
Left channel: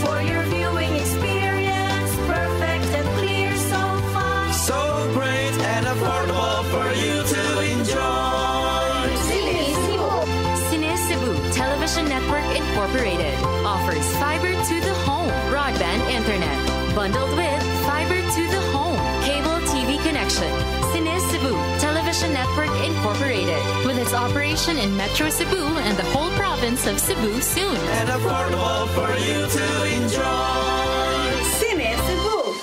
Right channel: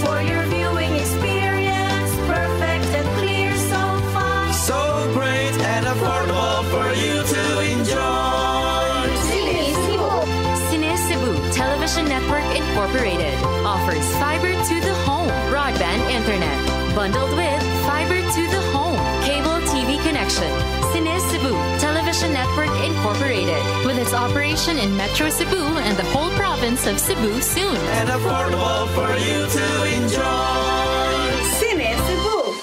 for your viewing experience. Perfect and clear, so fast, so great and affordable for you to enjoy. Sinisibo. Sinisibo Television Network Incorporated offers fiber to the home broadband internet bundled with fiber to the home cable TV connection. Sinisibo Television Network Incorporated with its operation in Metro Cebu and the whole province of Cebu soon. And affordable for you to enjoy. Sinisibo.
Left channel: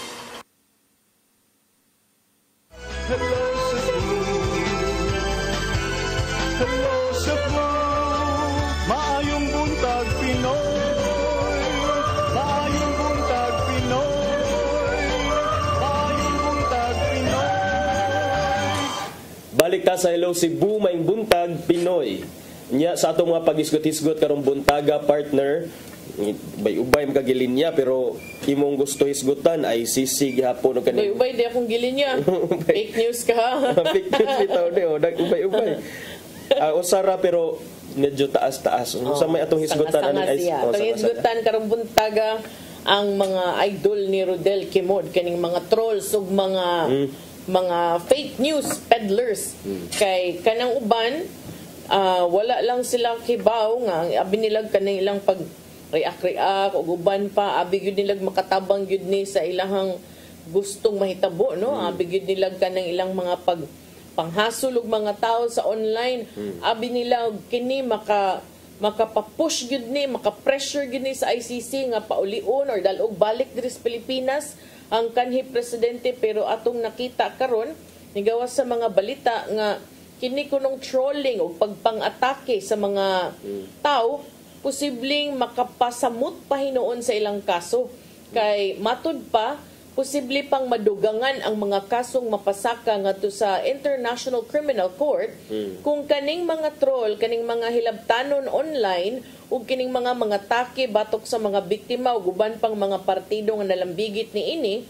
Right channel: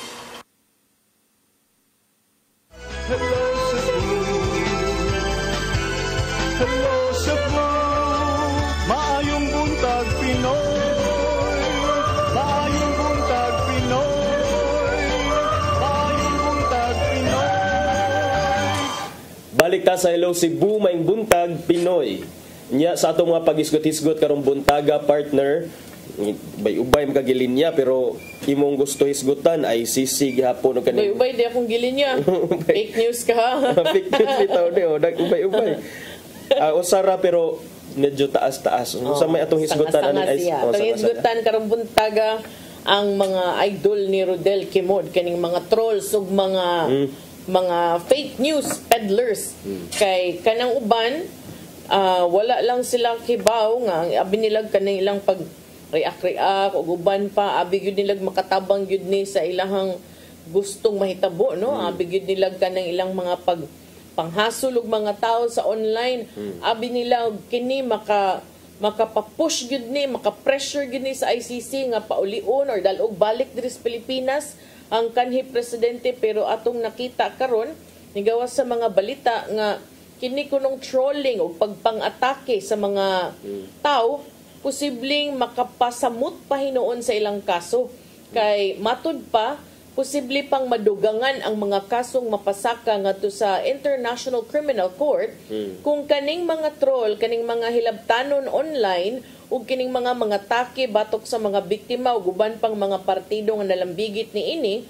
Hello Cebu, maayong buntag Pinoy, maayong buntag Pinoy, maayong buntag Pinoy. Balik ta sa Hello Cebu, maing buntag Pinoy. Nya sa atong mga pag-isgot-isgot karong buntaga partner, bay-ubay magagilinya pero imong gusto hisgutan ay sisig hapon o kanin. Ubay di akong gilinya. Fake news ka ha. Fake news bitaw ni ubay-ubay. Usara pero medyo taas-taas. Sa may atong hisgutan ani ay hisgutan karong buntaga ang mga idol ni Rodel Kimod kaning mga trolls ug mga fake news peddlers kay kanang uban wala lang silang kibaw nga abinilag kanang ilang pag react ug uban pa abi gyud nilag makatabang gyud ni sa ilahang gustong mahitabo no abi gyud nilag kanang ilang mga panghasol og mga tao sa online abi nila kini makapapush gyud ni makapressure gyud ni sa ICC nga paulion or dalog balik diri sa Pilipinas ang kanhi presidente pero atong nakita karon nigawas sa mga balita nga kini kunong trolling o pagpang-atake sa mga tao posibleng makapasamot pa hinuon sa ilang kaso kay matud pa posible pang madugangan ang mga kasong mapasaka ngadto sa International Criminal Court kung kaning mga troll kaning mga hilabtanon online ug kining mga take batok sa mga biktima ug uban pang mga partido nga nalambigit niini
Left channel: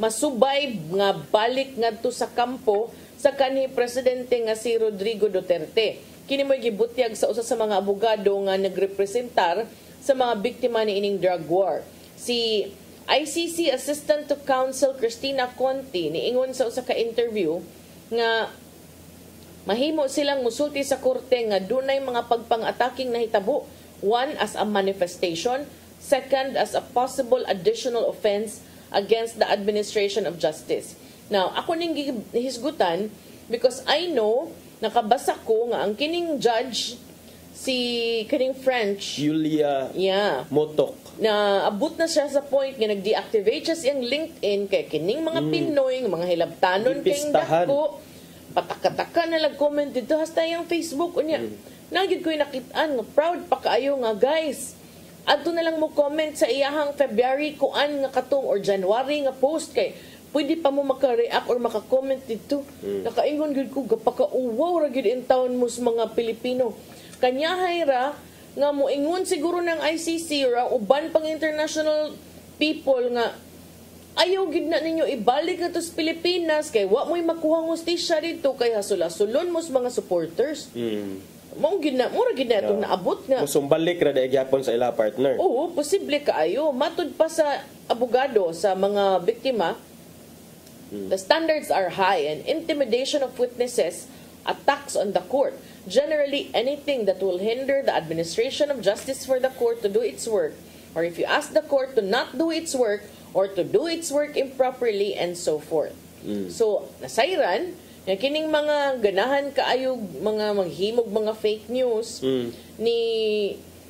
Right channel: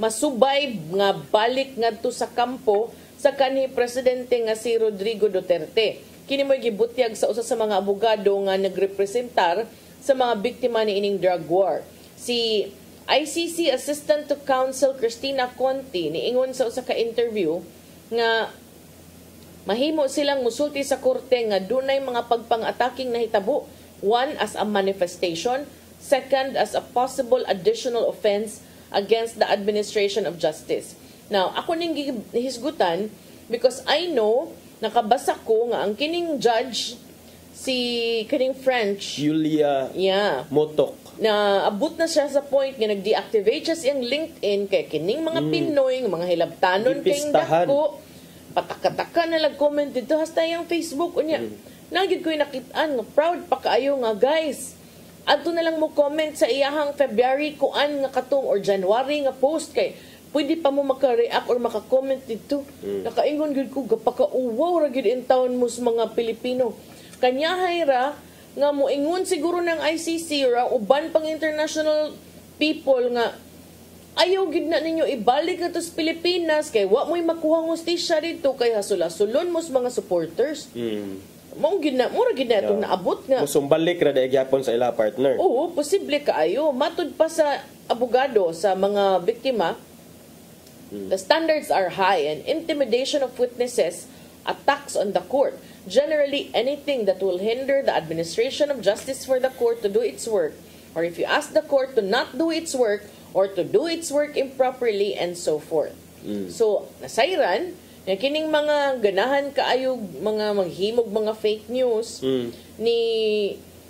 masubay nga balik ngadto sa kampo sa kanhi presidente nga si Rodrigo Duterte. Kini mo gibutyag sa usa sa mga abogado nga nagrepresentar sa mga biktima ni ining drug war. Si ICC Assistant to Counsel Cristina Conti niingon sa usa ka interview nga mahimo silang musulti sa korte nga dunay mga pagpang-ataking nahitabo. One, as a manifestation. Second, as a possible additional offense against the administration of justice. Now, ako ning hisgutan because I know, nakabasa ko nga ang kining judge, si kining French, Julia Motok, na abot na siya sa point nga nag-deactivate siya siyang LinkedIn kay kining mga Pinoy, mga hilabtanon kayong dako, pataka-taka na lag-comment dito, hasta yung Facebook, unya. Nagid ko'y nakitaan, nga proud pa kaayo nga guys. Adto na lang mo comment sa iyahang February kuan nga katong or January nga post kay pwede pa mo maka-react or maka-comment dito. Nakaingon gud ko gapaka-uwaw ra gid in town mo sa mga Pilipino. Kanyahay ra nga moingon siguro ng ICC ra uban pang international people nga ayaw gid na ninyo ibalik na to sa Pilipinas kay wa mo'y makuha hustisya dito kay hasula-sulon mo sa mga supporters. Mao gid na itong naabot nga. Musumbalik ra dai gyapon sa ila partner. Oo, posible kaayo. Matud pa sa abogado sa mga biktima, The standards are high and intimidation of witnesses, attacks on the court, generally anything that will hinder the administration of justice for the court to do its work, or if you ask the court to not do its work or to do its work improperly and so forth. So, nasayran, na kining mga ganahan kaayog, mga maghimog, mga fake news, ni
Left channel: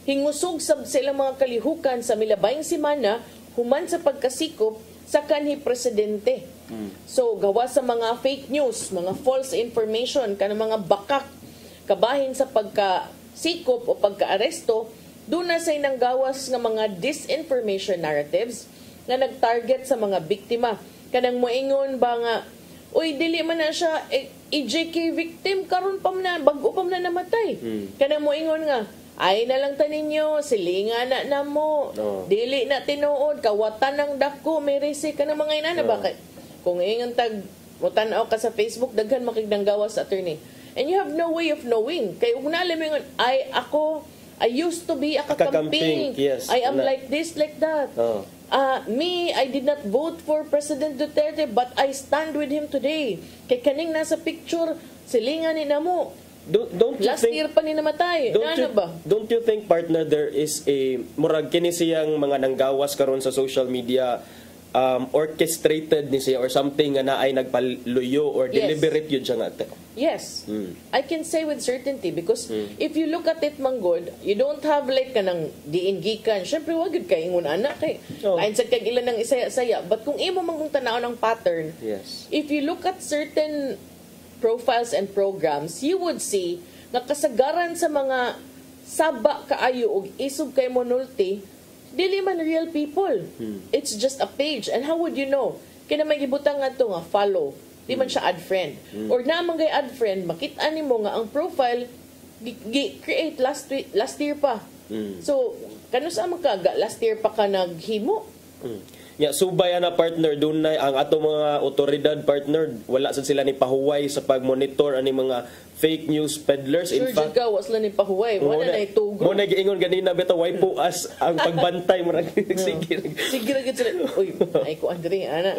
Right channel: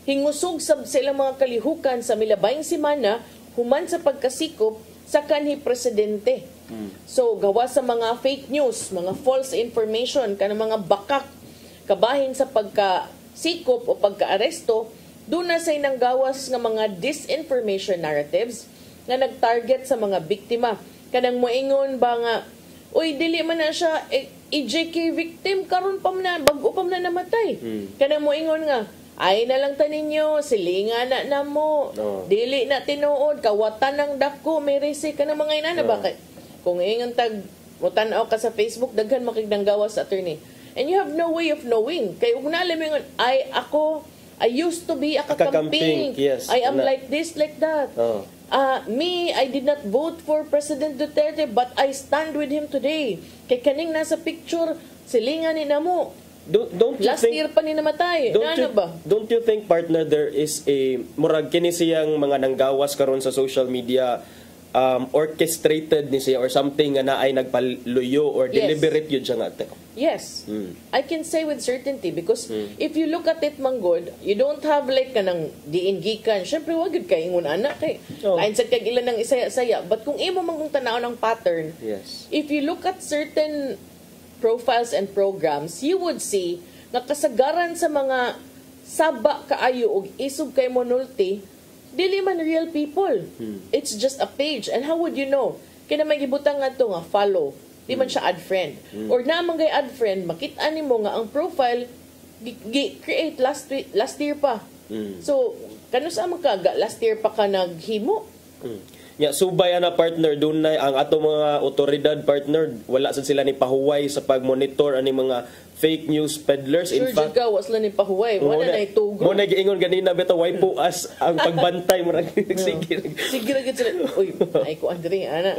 hingusog sa ilang mga kalihukan sa milabayng simana, human sa pagkasikop sa kanhi presidente. So, gawa sa mga fake news, mga false information, kanang mga bakak, kabahin sa pagkasikop o pagkaaresto, doon na say nang gawas ng mga disinformation narratives na nag-target sa mga biktima. Kanang moingon ba nga, uy, dili man na siya EJK victim, karon pa na, bago pa na namatay. Kanang moingon nga, ay na lang taninyo, silinga na mo, dili na tinuod, kawatan ng dako, may resi ka ng mga inana. Bakit? Kung ingon tag, mutanaw ka sa Facebook, daghan makigdang gawas sa attorney. And you have no way of knowing. Kaya kung naalam mo yun, I used to be a kakamping. Yes. I am like this, like that. Me, I did not vote for President Duterte, but I stand with him today. Kay kaning nasa picture, silingan ni namo. Don't you Last year pa ni namatay. Don't you think, partner, there is a murag kini siyang mga nanggawas karon sa social media, orchestrated ni siya or something nga na ay nagpaluyo or deliberate yun siya nga? Yes. I can say with certainty because if you look at it, Manggod, you don't have like kanang diingikan. Siyempre, wag yun kayo ngun anak eh. Kain sa kag ilan ng isaya-saya. But kung imo manggong tanaw ng pattern, if you look at certain profiles and programs, you would see na kasagaran sa mga saba kaayo og isog kay monulti, dili man real people. It's just a page. And how would you know? Kaya may gibutang nga ito nga, follow. Di man siya add friend. Or naman kay add friend, makita mo nga ang profile create last year pa. So, kanus ang makaga, last year pa ka naghimo. Subay na partner, doon na ang ato mga otoridad partner, wala sila ni pahuway sa pag-monitor ani mga fake news peddlers. In fact, was lang ni pahuway. Wala na itugo. Muna giingon ganina bitaw why po as ang pagbantay mo sige sila. Uy, ay ko Andre ana.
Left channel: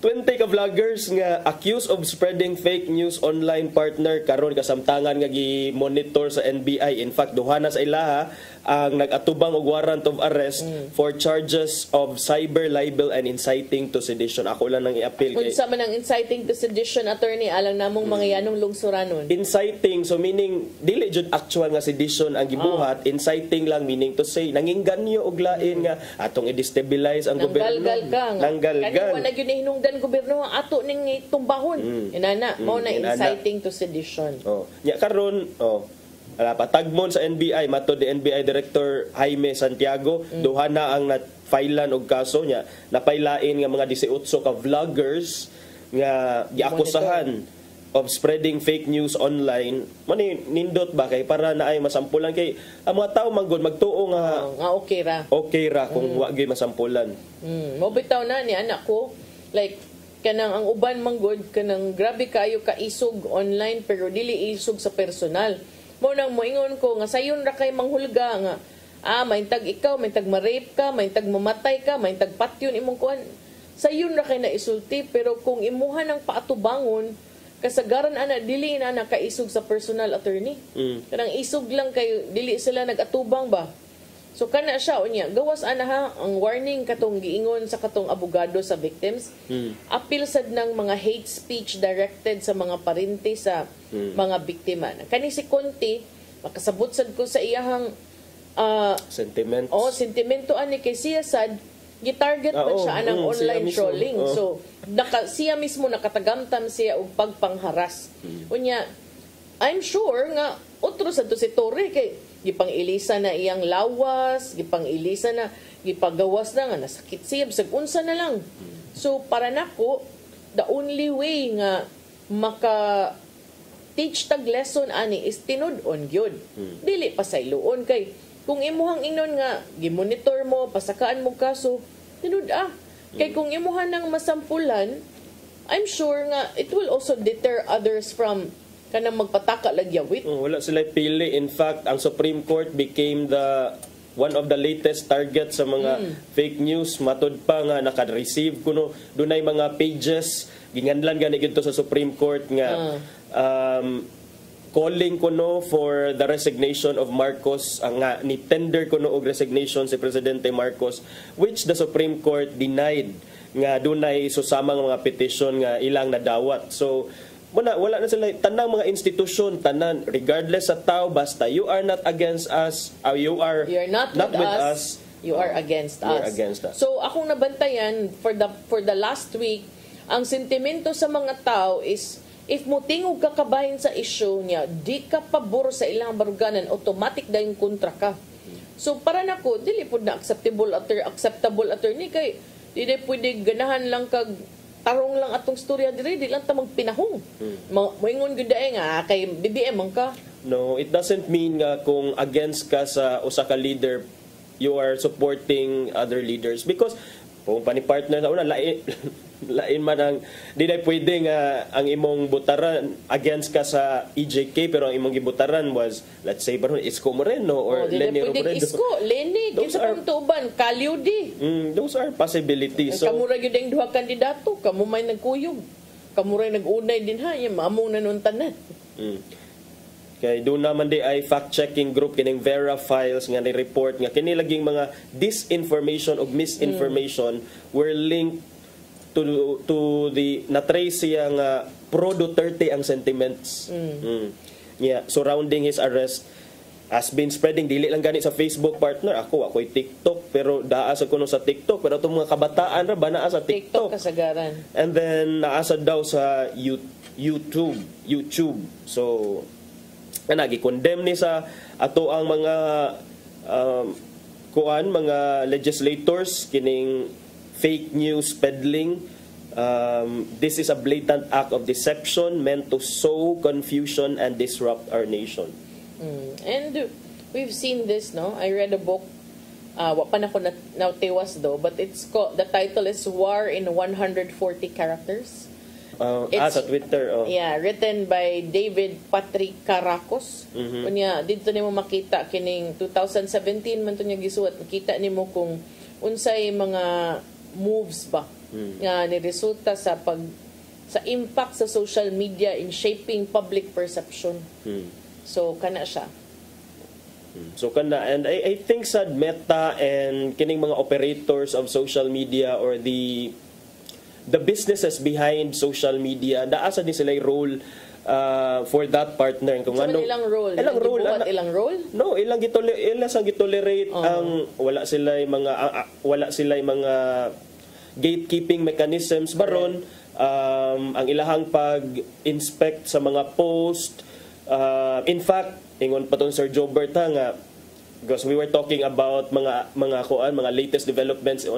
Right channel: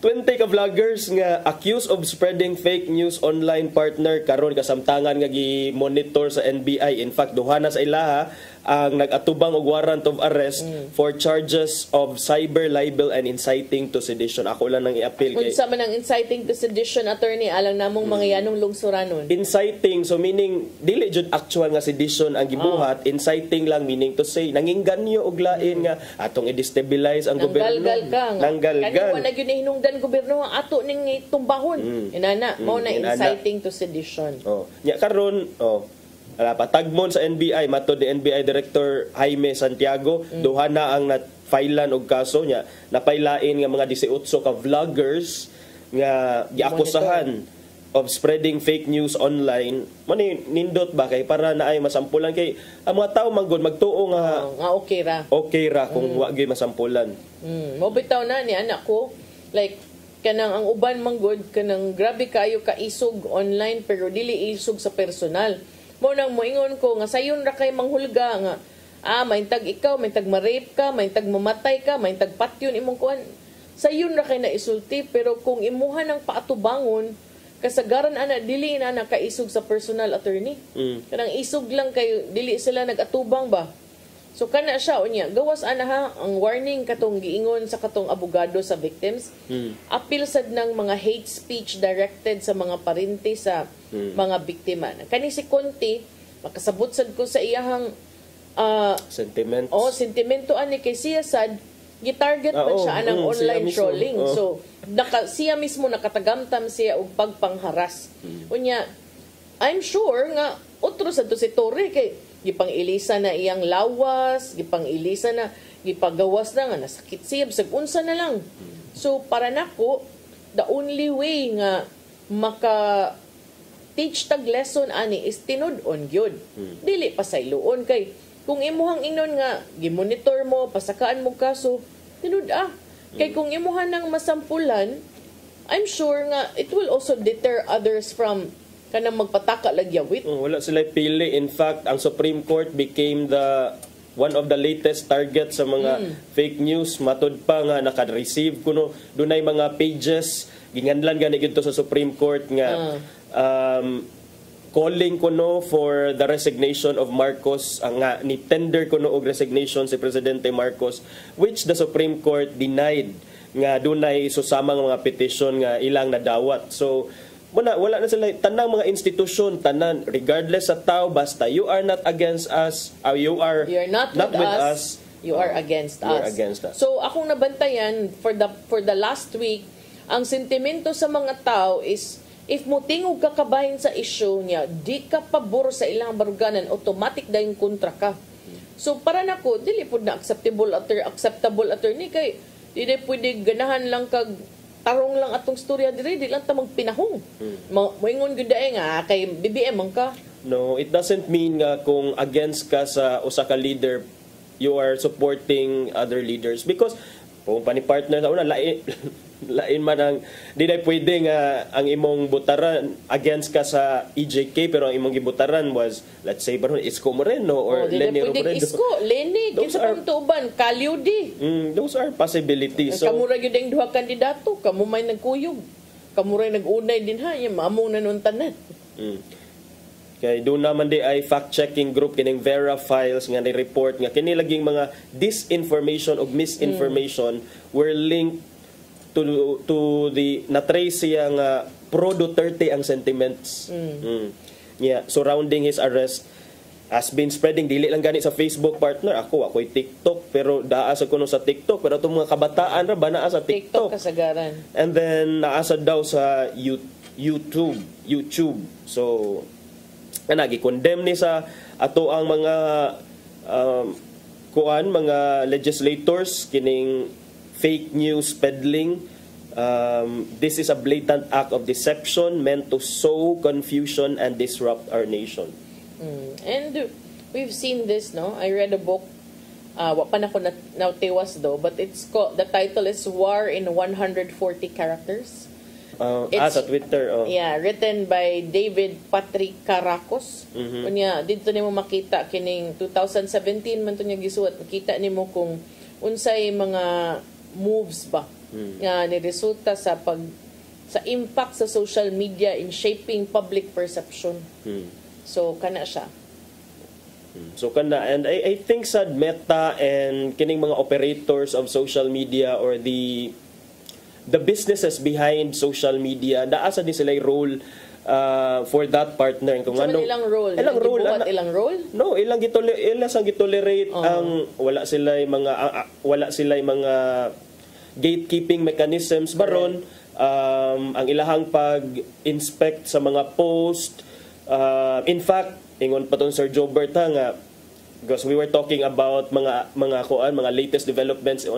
20 ka vloggers nga accused of spreading fake news online partner karon kasamtangan nga gi-monitor sa NBI. In fact, duha na sa ilaha ang nag-atubang og warrant of arrest for charges of cyber libel and inciting to sedition. Ako lang nang i-appeal kay. Unsa man ang inciting to sedition, attorney, alang namong mga yanong lungsuranon. Inciting, so meaning dili jud actual nga sedition ang gibuhat, inciting lang meaning to say nangingganyo og lain nga atong i-destabilize ang gobyerno. Nanggalgal. Kani wala gyud hinungdan gobyerno ang ato ning tumbahon. Inana, mao na inciting to sedition. Nya karon, patagmon sa NBI, matod ni NBI Director Jaime Santiago, duha na ang na-filean og kaso niya, napailain nga mga 18 ka vloggers nga giakusahan of spreading fake news online. Nindot ba kay para naay masampulan kay ang mga tao manggod magtuo nga okay ra kung wa gyud masampulan. Mo bitaw na ni anak ko, like kanang ang uban manggod kanang grabe kayo kaisog online pero dili isog sa personal. Mo nang moingon ko nga sayon ra kay manghulga nga maintag ikaw, maintag ma-rape ka, maintag mamatay ka, maintag patyon imong kuan. Sayon ra kay na isulti pero kung imuha ng paatubangon kasagaran ana dili na nakaisog sa personal attorney. Kanang isog lang kayo, dili sila nagatubang ba. So kana siya unya gawas ana ha ang warning katong giingon sa katong abogado sa victims. Appeal sad ng mga hate speech directed sa mga parente sa mga biktima. Kani si Conti makasabot sad ko sa iyahang sentiments. Sentimento ani kay siya sad gitarget man siya anang online trolling. So siya mismo nakatagamtam siya og pagpangharas. Unya I'm sure nga otro sad to si Torre kay gipang-ilisa na iyang lawas, gipang-ilisa na, gipagawas na nga, nasakit siya, bisag unsa na lang. So, para nako, the only way nga maka-teach tag lesson ani is tinud-on yun. Dili pa sayloon kay, kung imuhang inon nga, gimonitor mo, pasakaan mo kaso, tinud Kay kung imuhan ng masampulan, I'm sure nga, it will also deter others from kanang magpataka lagyawit. Wala sila pili. In fact, ang Supreme Court became one of the latest target sa mga fake news. Matod pa nga naka-receive kuno dunay mga pages ginganlan gani gito sa Supreme Court nga calling kuno for the resignation of Marcos, nga ni tender kuno og resignation si Presidente Marcos, which the Supreme Court denied nga dunay susamang mga petition nga ilang nadawat. So wala na sila tanang mga institusyon, tanan regardless sa tao, basta you are not against us, you're not with us, you are against us. So akong nabantayan for the last week, ang sentimento sa mga tao is if mo tingog ka kabahin sa issue niya, di ka pabor sa ilang baruganan, automatic dahil kontra ka. So para nako dili pud na acceptable attorney kay dili pwede ganahan lang kag tarong lang atong storya diri, di lang ta magpinahong. Moingon gyud nga kay BBM man ka. No, it doesn't mean nga kung against ka sa usa ka leader, you are supporting other leaders, because kung pani-partner sa una lain man ang di na pwede nga ang imong butaran against ka sa EJK pero ang imong gibutaran was, let's say, Isko Moreno or Lenny Robredo. Isko, Lenny, kinsa pang tuban, Kalyudi. Those are possibilities. So kamura gyud ang duha kandidato, kamo may nagkuyog. Kamura nagunay din ha, among nanuntanan. Kay doon naman di ay fact-checking group kining Vera Files nga ni-report nga kini laging mga disinformation o misinformation were linked to the na-trace siya nga pro-Duterte ang sentiments. Yeah, surrounding his arrest has been spreading. Dili lang gani sa Facebook, partner. Ako'y TikTok, pero daasa ko sa TikTok. Pero itong mga kabataan ra ba naa sa TikTok? Kasagaran. And then naasa daw sa YouTube. So gi-condemn ni sa ato ang mga mga legislators kining fake news peddling. This is a blatant act of deception meant to sow confusion and disrupt our nation. And we've seen this, no? I read a book, wa pa na ko nautiwas do, but it's called, the title is War in 140 Characters. Sa Twitter. Yeah, written by David Patrick Caracos. Kunya dito nimo makita kining 2017 man to niya gisuot. Makita nimo kung unsay mga moves ba nga niresulta sa impact sa social media in shaping public perception. So kana siya. And I think sa Meta and kining mga operators of social media or the businesses behind social media, naasa din sila role for that partner. Kung ano ilang role? Ilang role? No, ilang gitolerate ang wala sila mga gatekeeping mechanisms baron, ang ilahang pag-inspect sa mga post. In fact, ingon pa tong Sir Jobert nga, because we were talking about mga latest developments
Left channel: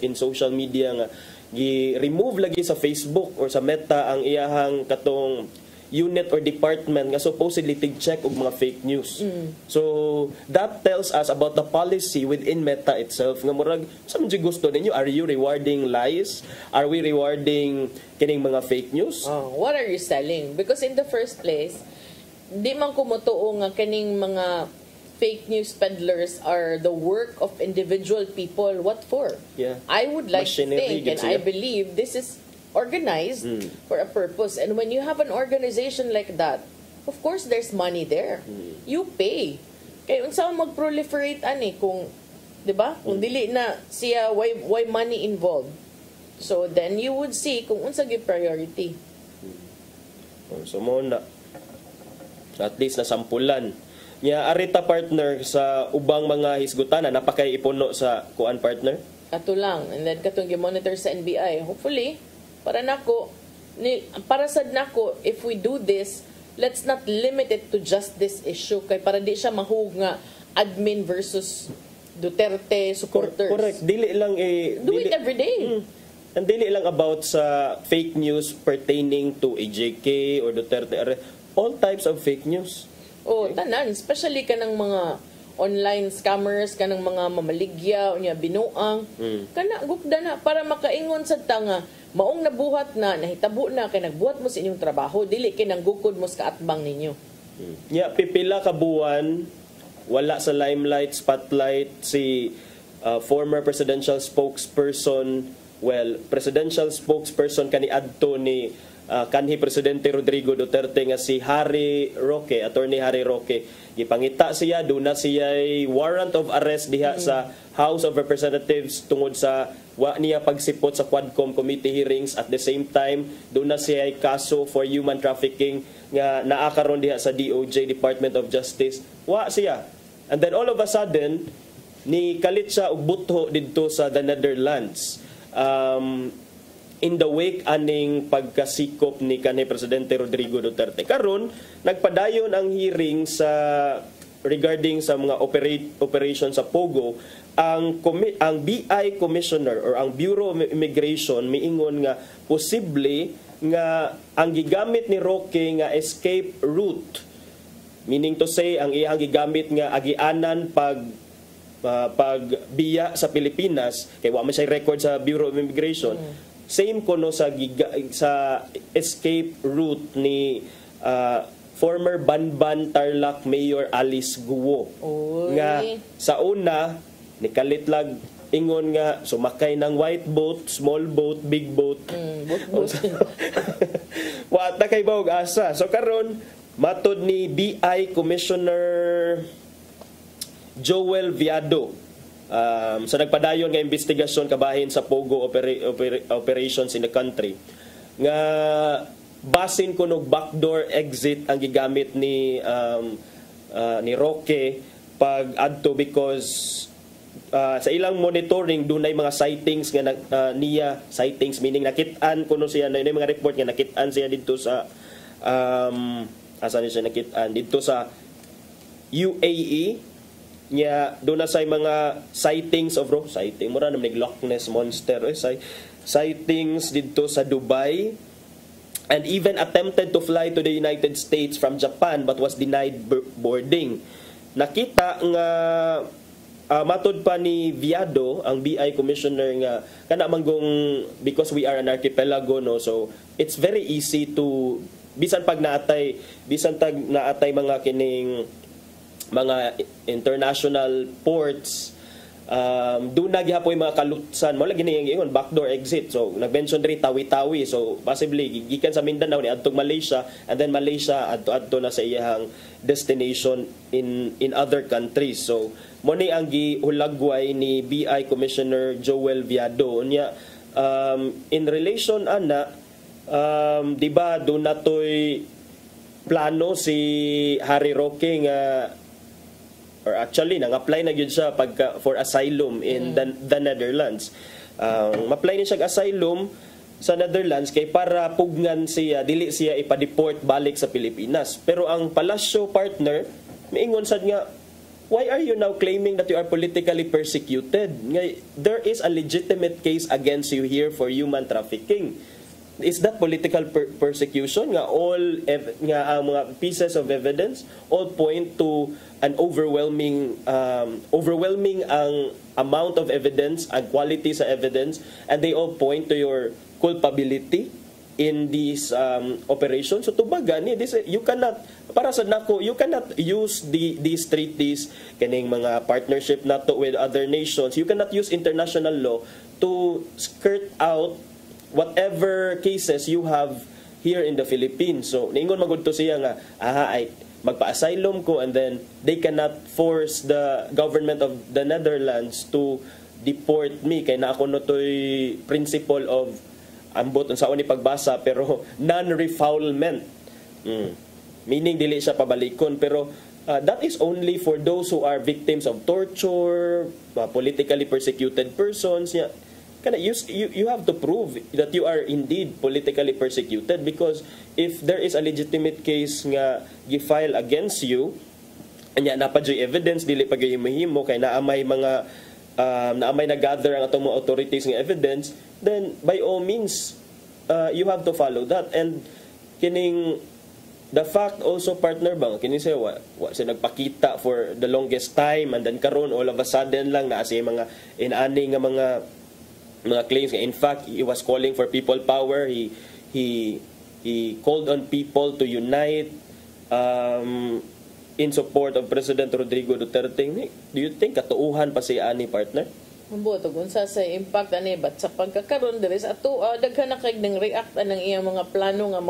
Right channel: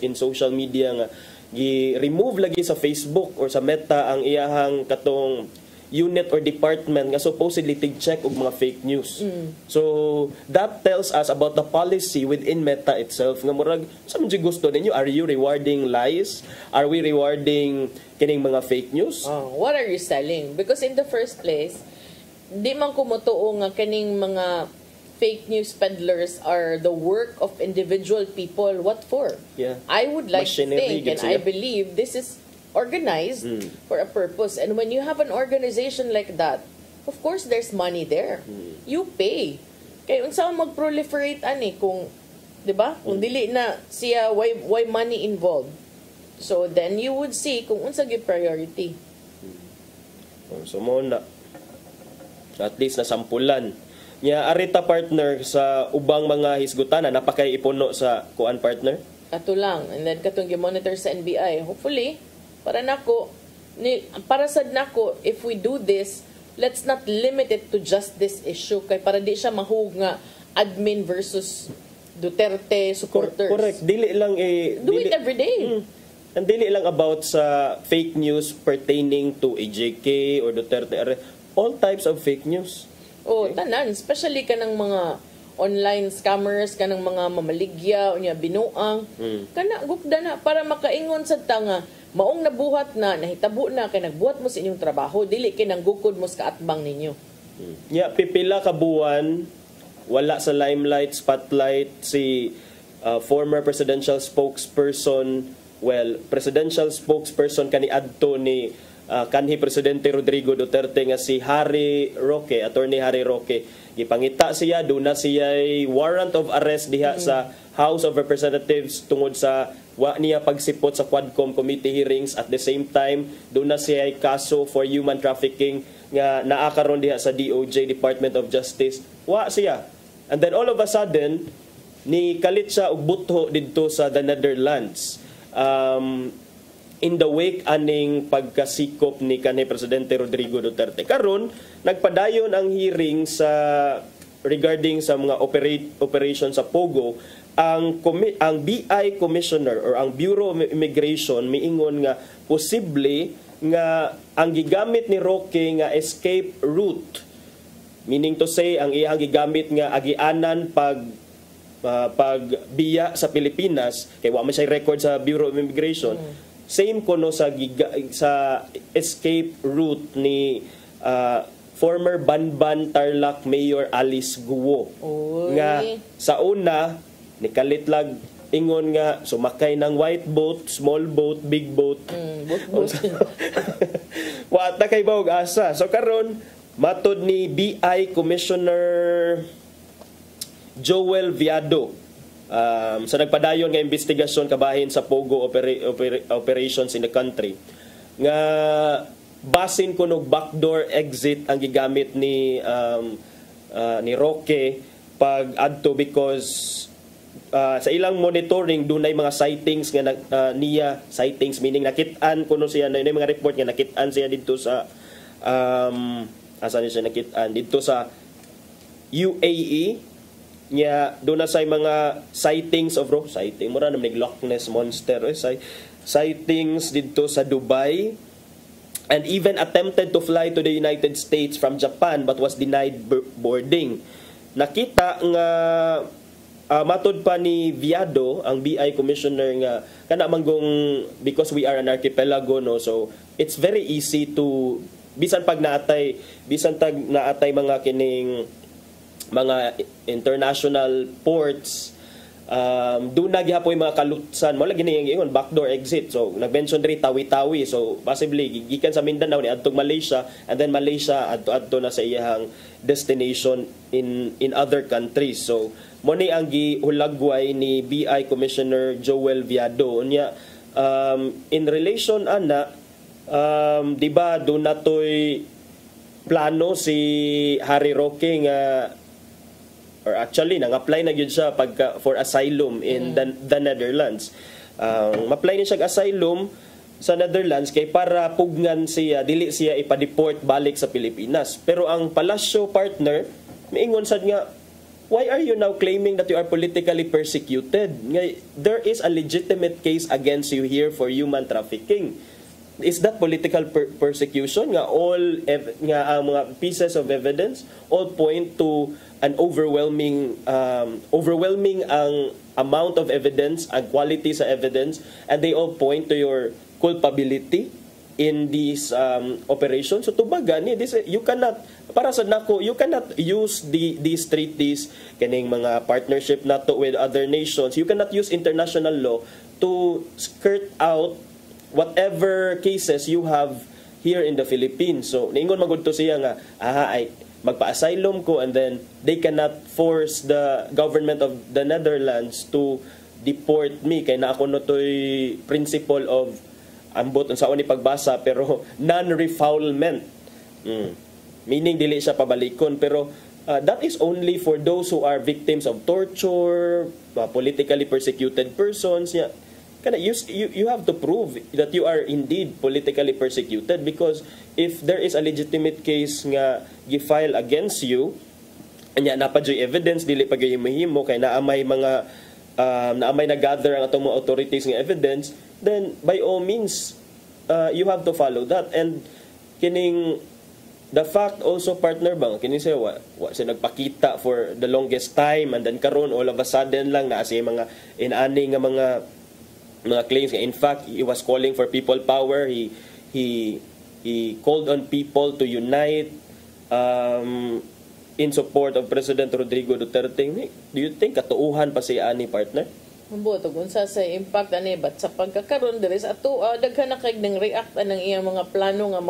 in social media nga gi-remove lagi sa Facebook or sa Meta ang iyahang katong unit or department nga supposedly tig-check og mga fake news. So that tells us about the policy within Meta itself nga murag sa man gusto ninyo, are you rewarding lies? Are we rewarding kining mga fake news? What are you selling? Because in the first place, di man ko motuo nga kining mga fake news peddlers are the work of individual people. What for? Yeah. I would like to think and I believe this is organized for a purpose. And when you have an organization like that, of course there's money there. You pay. Kaya unsa mag-proliferate ani kung, 'di ba? Kung dili na siya why money involved. So then you would see kung unsa gyud priority. So mo na at least nasampulan nya arita partner sa ubang mga hisgutan na napakay ipuno sa kuan partner. Ato lang, and then katong gi-monitor sa NBI. Hopefully para sad nako, if we do this, let's not limit it to just this issue kay para di siya mahug nga admin versus Duterte supporters. Correct. Dili lang do it every day. And dili lang about sa fake news pertaining to AJK or Duterte. All types of fake news. Tanan, especially kanang mga online scammers, kanang mga mamaligya unya binuang. Kana gukda na para makaingon sa tanga maong nabuhat na nahitabo na kay nagbuhat mo sa inyong trabaho, dili kay nanggukod mo sa kaatbang ninyo. Pipila ka buwan wala sa limelight, spotlight si former presidential spokesperson Well, presidential spokesperson kaniadto ni kanhi Presidente Rodrigo Duterte nga si Harry Roque, Attorney Harry Roque, gipangita siya, doon na siya warrant of arrest diha sa House of Representatives tungod sa wa niya pagsipot sa Quadcom committee hearings. At the same time, doon na siya kaso for human trafficking nga naa karon diha sa DOJ, Department of Justice. Wa siya. And then all of a sudden, ni kalit siya og butho didto sa the Netherlands. In the wake aning pagkasikop ni kanhi Presidente Rodrigo Duterte. Karon nagpadayon ang hearing sa regarding sa mga operation sa Pogo. Ang BI Commissioner or ang Bureau of Immigration miingon nga posible nga ang gigamit ni Roque nga escape route, meaning to say ang iyang gigamit nga agianan pagbiya sa Pilipinas kay wa man siya record sa Bureau of Immigration. Same kuno sa escape route ni former Banban Tarlac Mayor Alice Guo. Nga sa una nikalit lag ingon nga sumakay ng white boat, small boat, big boat. Wa ta kay bawog asa. So karon matod ni BI Commissioner Joel Viado, sa nagpadayon nga investigasyon kabahin sa Pogo operations in the country, nga basin kunog backdoor exit ang gigamit ni Roque pag adto because sa ilang monitoring dunay mga sightings nga niya sightings, meaning nakit-an kuno siya na mga report nga nakit-an siya dito sa asan siya nakit-an dito sa UAE nya doon na say mga sightings of sighting mura namig Loch Ness monster sightings dito sa Dubai, and even attempted to fly to the United States from Japan but was denied boarding. Nakita nga matod pa ni Viado, ang BI Commissioner, nga kana manggong because we are an archipelago, no, so it's very easy to bisan tag naatay mga kining mga international ports, doon na gihapoy mga kalutsan mo lagi ni ingon backdoor exit. So nag-mention ri Tawi-Tawi, so possibly gikan sa Mindanao ni adtong Malaysia, and then Malaysia adto na sa iyang destination in other countries. So mo ni ang gihulagway ni BI Commissioner Joel Viado nya in relation ana di ba do natoy plano si Harry Roque nga or actually nang-apply na gyud siya for asylum in the Netherlands. Ma-apply ni siya asylum sa Netherlands kay para pugnan siya, dili siya ipa-deport balik sa Pilipinas. Pero ang Palacio partner miingon sad nga, why are you now claiming that you are politically persecuted? There is a legitimate case against you here for human trafficking. Is that political persecution? Nga all mga pieces of evidence all point to an overwhelming ang amount of evidence and quality sa evidence, and they all point to your culpability in these operations. So tubaga ni this, you cannot, para sa nako, you cannot use these treaties kaning mga partnership nato with other nations. You cannot use international law to skirt out whatever cases you have here in the Philippines. So niingon magud to siya nga ay magpa-asylum ko, and then they cannot force the government of the Netherlands to deport me kay na ako no toy principle of ambot unsa ni pagbasa pero non-refoulement, meaning dili siya pabalikon, pero that is only for those who are victims of torture, politically persecuted persons. Kana you have to prove that you are indeed politically persecuted, because if there is a legitimate case nga gi-file against you anya na pa joy evidence dili pa gyud mahimo kay naamay mga naamay na gather ang atong mga authorities nga evidence, then by all means you have to follow that. And kining the fact also partner bang kini siya wa siya nagpakita for the longest time, and then karon all of a sudden lang na siya mga inani nga mga claims. In fact, he was calling for people power. He called on people to unite in support of President Rodrigo Duterte. Do you think katuuhan pa si ani partner? Butog unsa sa impact ani but sa pagkakaroon diri sa ato daghan na kay nang react ang iyang mga plano nga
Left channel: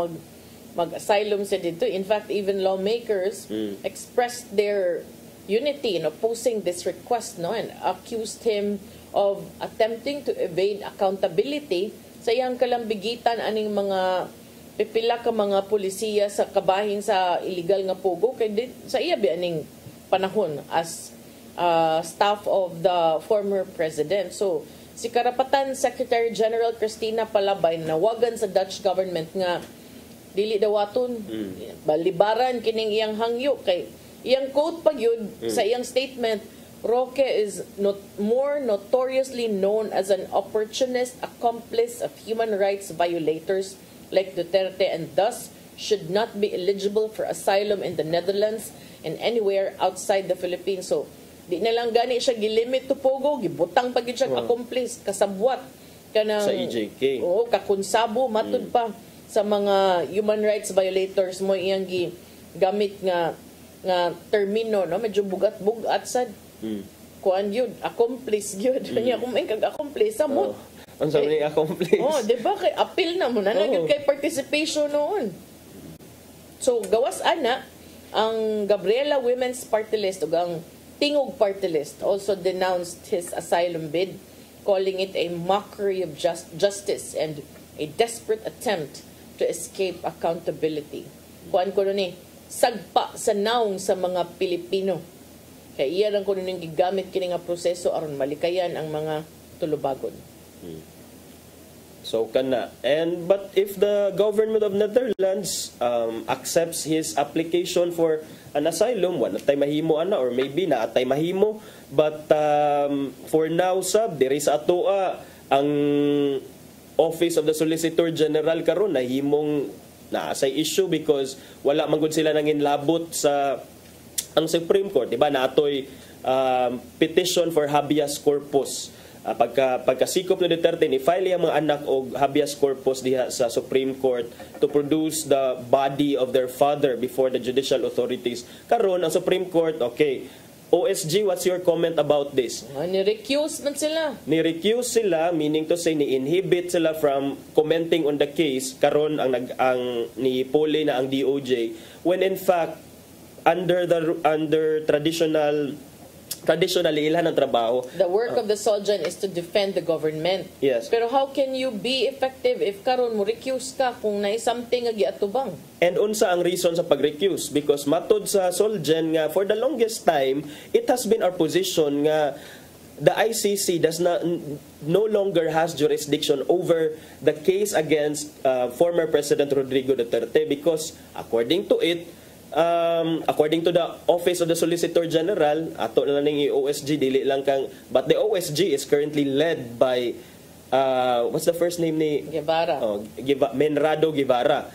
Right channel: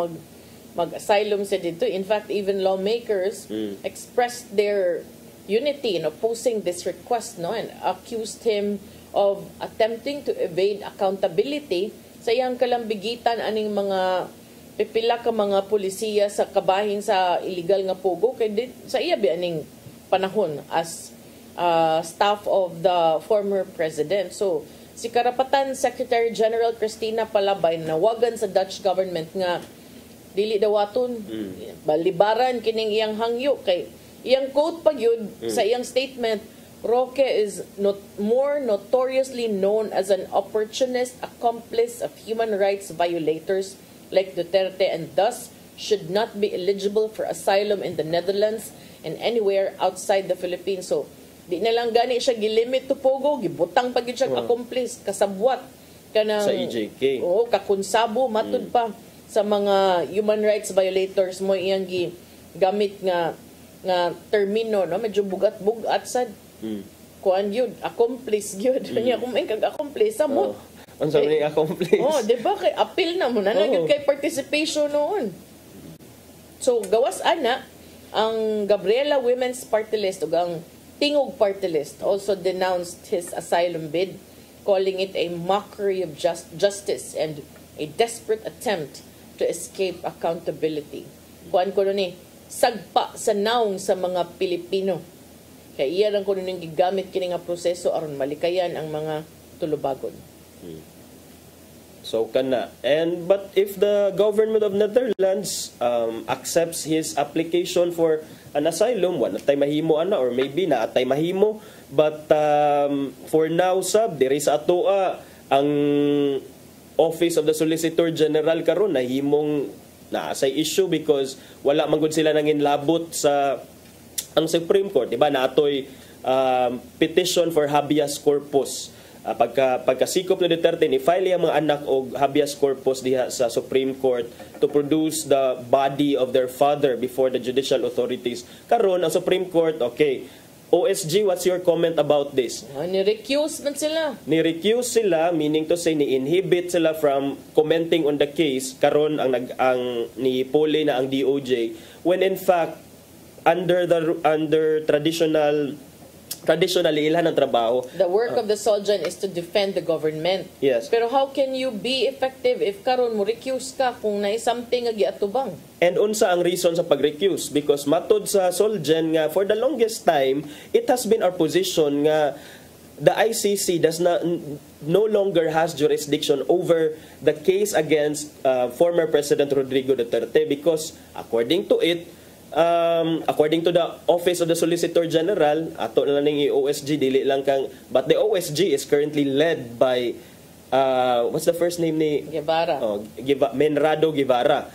mag-asylum sa dito. In fact, even lawmakers expressed their unity in opposing this request, no, and accused him of attempting to evade accountability sa iyang kalambigitan aning mga pipila ka mga polisiya sa kabahin sa illegal nga pugo kay sa iya bi aning panahon as staff of the former president. So, si Karapatan Secretary General Cristina Palabay nawagan sa Dutch government nga dili dawaton balibaran kining iyang hangyo kay iyang quote pag yun sa iyang statement, Roque is more notoriously known as an opportunist accomplice of human rights violators like Duterte and thus should not be eligible for asylum in the Netherlands and anywhere outside the Philippines. So, di na lang gani siya gilimit to pogo, gibutang pag siya accomplice, kasabwat kanang sa EJK. Oo, kakunsabo matud pa sa mga human rights violators mo iyang gamit nga termino, no, medyo bugat-bugat sad. Kuan yun, accomplice yun. Kanya kung may kag-accomplice, mo. Ang sabi accomplice. Di ba? Kay appeal na mo na naging kay participation noon. So, gawas ana, ang Gabriela Women's Party List o ang Tingog Party List also denounced his asylum bid, calling it a mockery of justice and a desperate attempt to escape accountability. Kuan ko ni sagpa sa naong sa mga Pilipino. Kaya iya lang ko nung gigamit kini nga proseso aron malikayan ang mga tulubagon. So kana. But if the government of Netherlands accepts his application for an asylum, wala tay mahimo ana or maybe na tay mahimo, but for now sab diri sa atoa ang Office of the Solicitor General karon nahimong na sa issue because wala man gud sila nangin labot sa ang Supreme Court, di ba? Na atoy petition for habeas corpus. Pagkasikop ni Duterte ni file ang mga anak og habeas corpus diha sa Supreme Court to produce the body of their father before the judicial authorities. Karon ang Supreme Court, okay. OSG, what's your comment about this? Ni-recuse man sila. Ni-recuse sila, meaning to say ni-inhibit sila from commenting on the case. Karon ang ni Poli na ang DOJ when in fact under traditionally ilan ang trabaho. The work of the Soljan is to defend the government. Yes. Pero how can you be effective if karon mo recuse ka kung naay something nga giatubang? And unsa ang reason sa pag-recuse? Because matod sa Soljan nga for the longest time, it has been our position nga the ICC no longer has jurisdiction over the case against former President Rodrigo Duterte because according to the Office of the Solicitor General, ato na ning OSG dili lang kang, but the OSG is currently led by what's the first name ni Guevara? Menardo Guevara.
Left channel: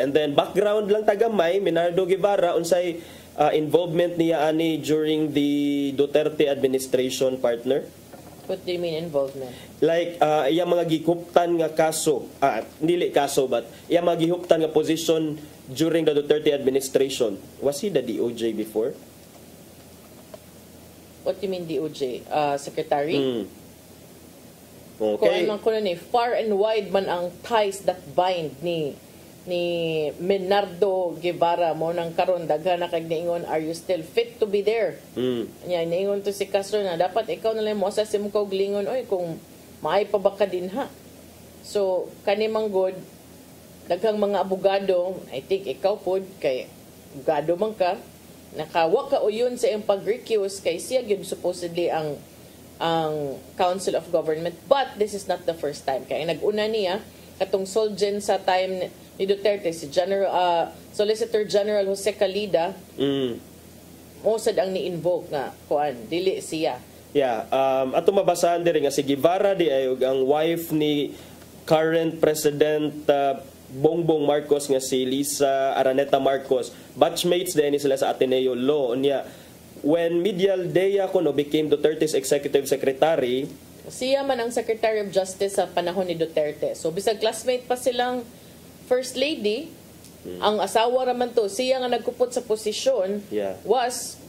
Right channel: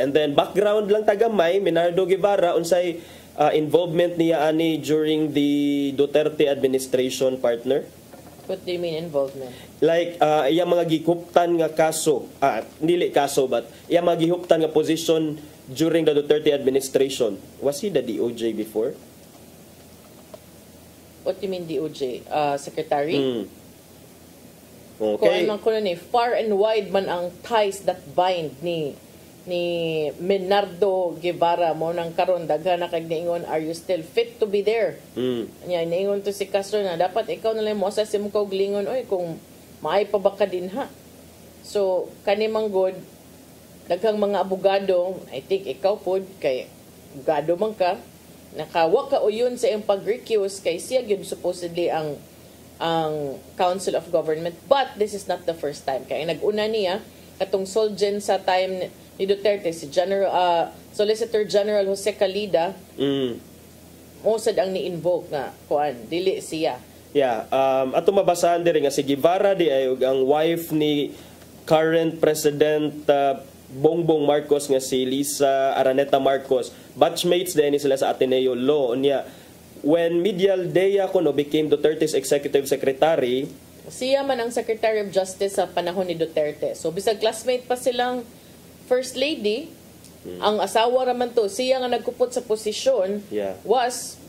And then background lang tagamay, Menardo Guevara unsay involvement niya ani during the Duterte administration, partner. What do you mean involvement? Like iyang mga gihuptan nga kaso, dili kaso but iyang mga gihuptan nga position during the Duterte administration. Was he the DOJ before? What do you mean DOJ? Secretary? Okay. Kung ano ni far and wide man ang ties that bind ni Menardo Guevara mo nang karon daghan na kay niingon, are you still fit to be there? Nya niingon to si Castro na dapat ikaw na lang mo sa mo kog lingon oy kung maay pa ba ka din ha. So kani manggod daghang mga abogado, I think ikaw pod kay abogado man ka, nakawa ka uyon sa iyang pag-recuse kay siya gyud supposedly ang Council of Government, but this is not the first time kay nag-una niya katong Soljan sa time ni Duterte si Solicitor General Jose Calida mosad ang ni-invoke na kuan dili siya. Yeah, ato mabasahan diri nga si Guevara di ay ang wife ni current President Bongbong Marcos nga si Lisa Araneta Marcos. Batchmates din sila sa Ateneo Law. Niya, when Medial Dea Cono became Duterte's executive secretary, siya man ang Secretary of Justice sa panahon ni Duterte. So bisag classmate pa silang First Lady, ang asawa raman to, siya nga nagkupot sa posisyon was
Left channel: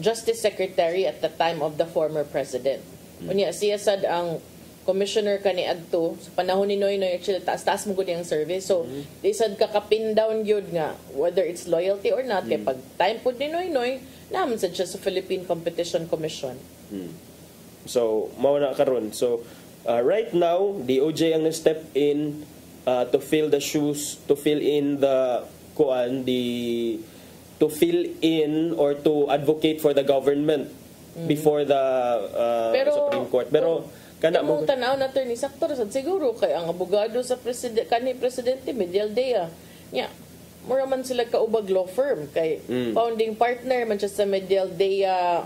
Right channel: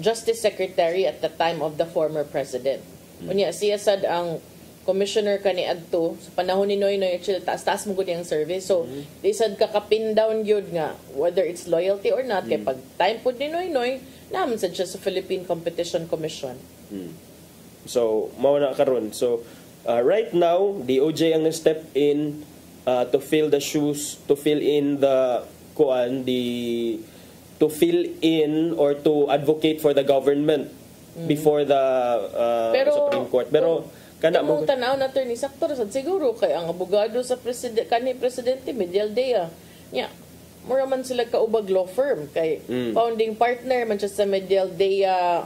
Justice Secretary at the time of the former president. Unya siya sad ang commissioner kani adto sa panahon ni Noynoy, actually taas mo gud yung service. So di sad kakapin down gyud nga whether it's loyalty or not kay pag time pud ni Noynoy naman sad siya sa Philippine Competition Commission. So mao na karon. So right now DOJ ang step in to fill the shoes, to fill in the to fill in or to advocate for the government before the Supreme Court. Pero kana mo tanaw na attorney sakto sad siguro kay ang abogado sa presidente Medialdea nya mura man sila kaubag law firm kay founding partner man siya sa Medialdea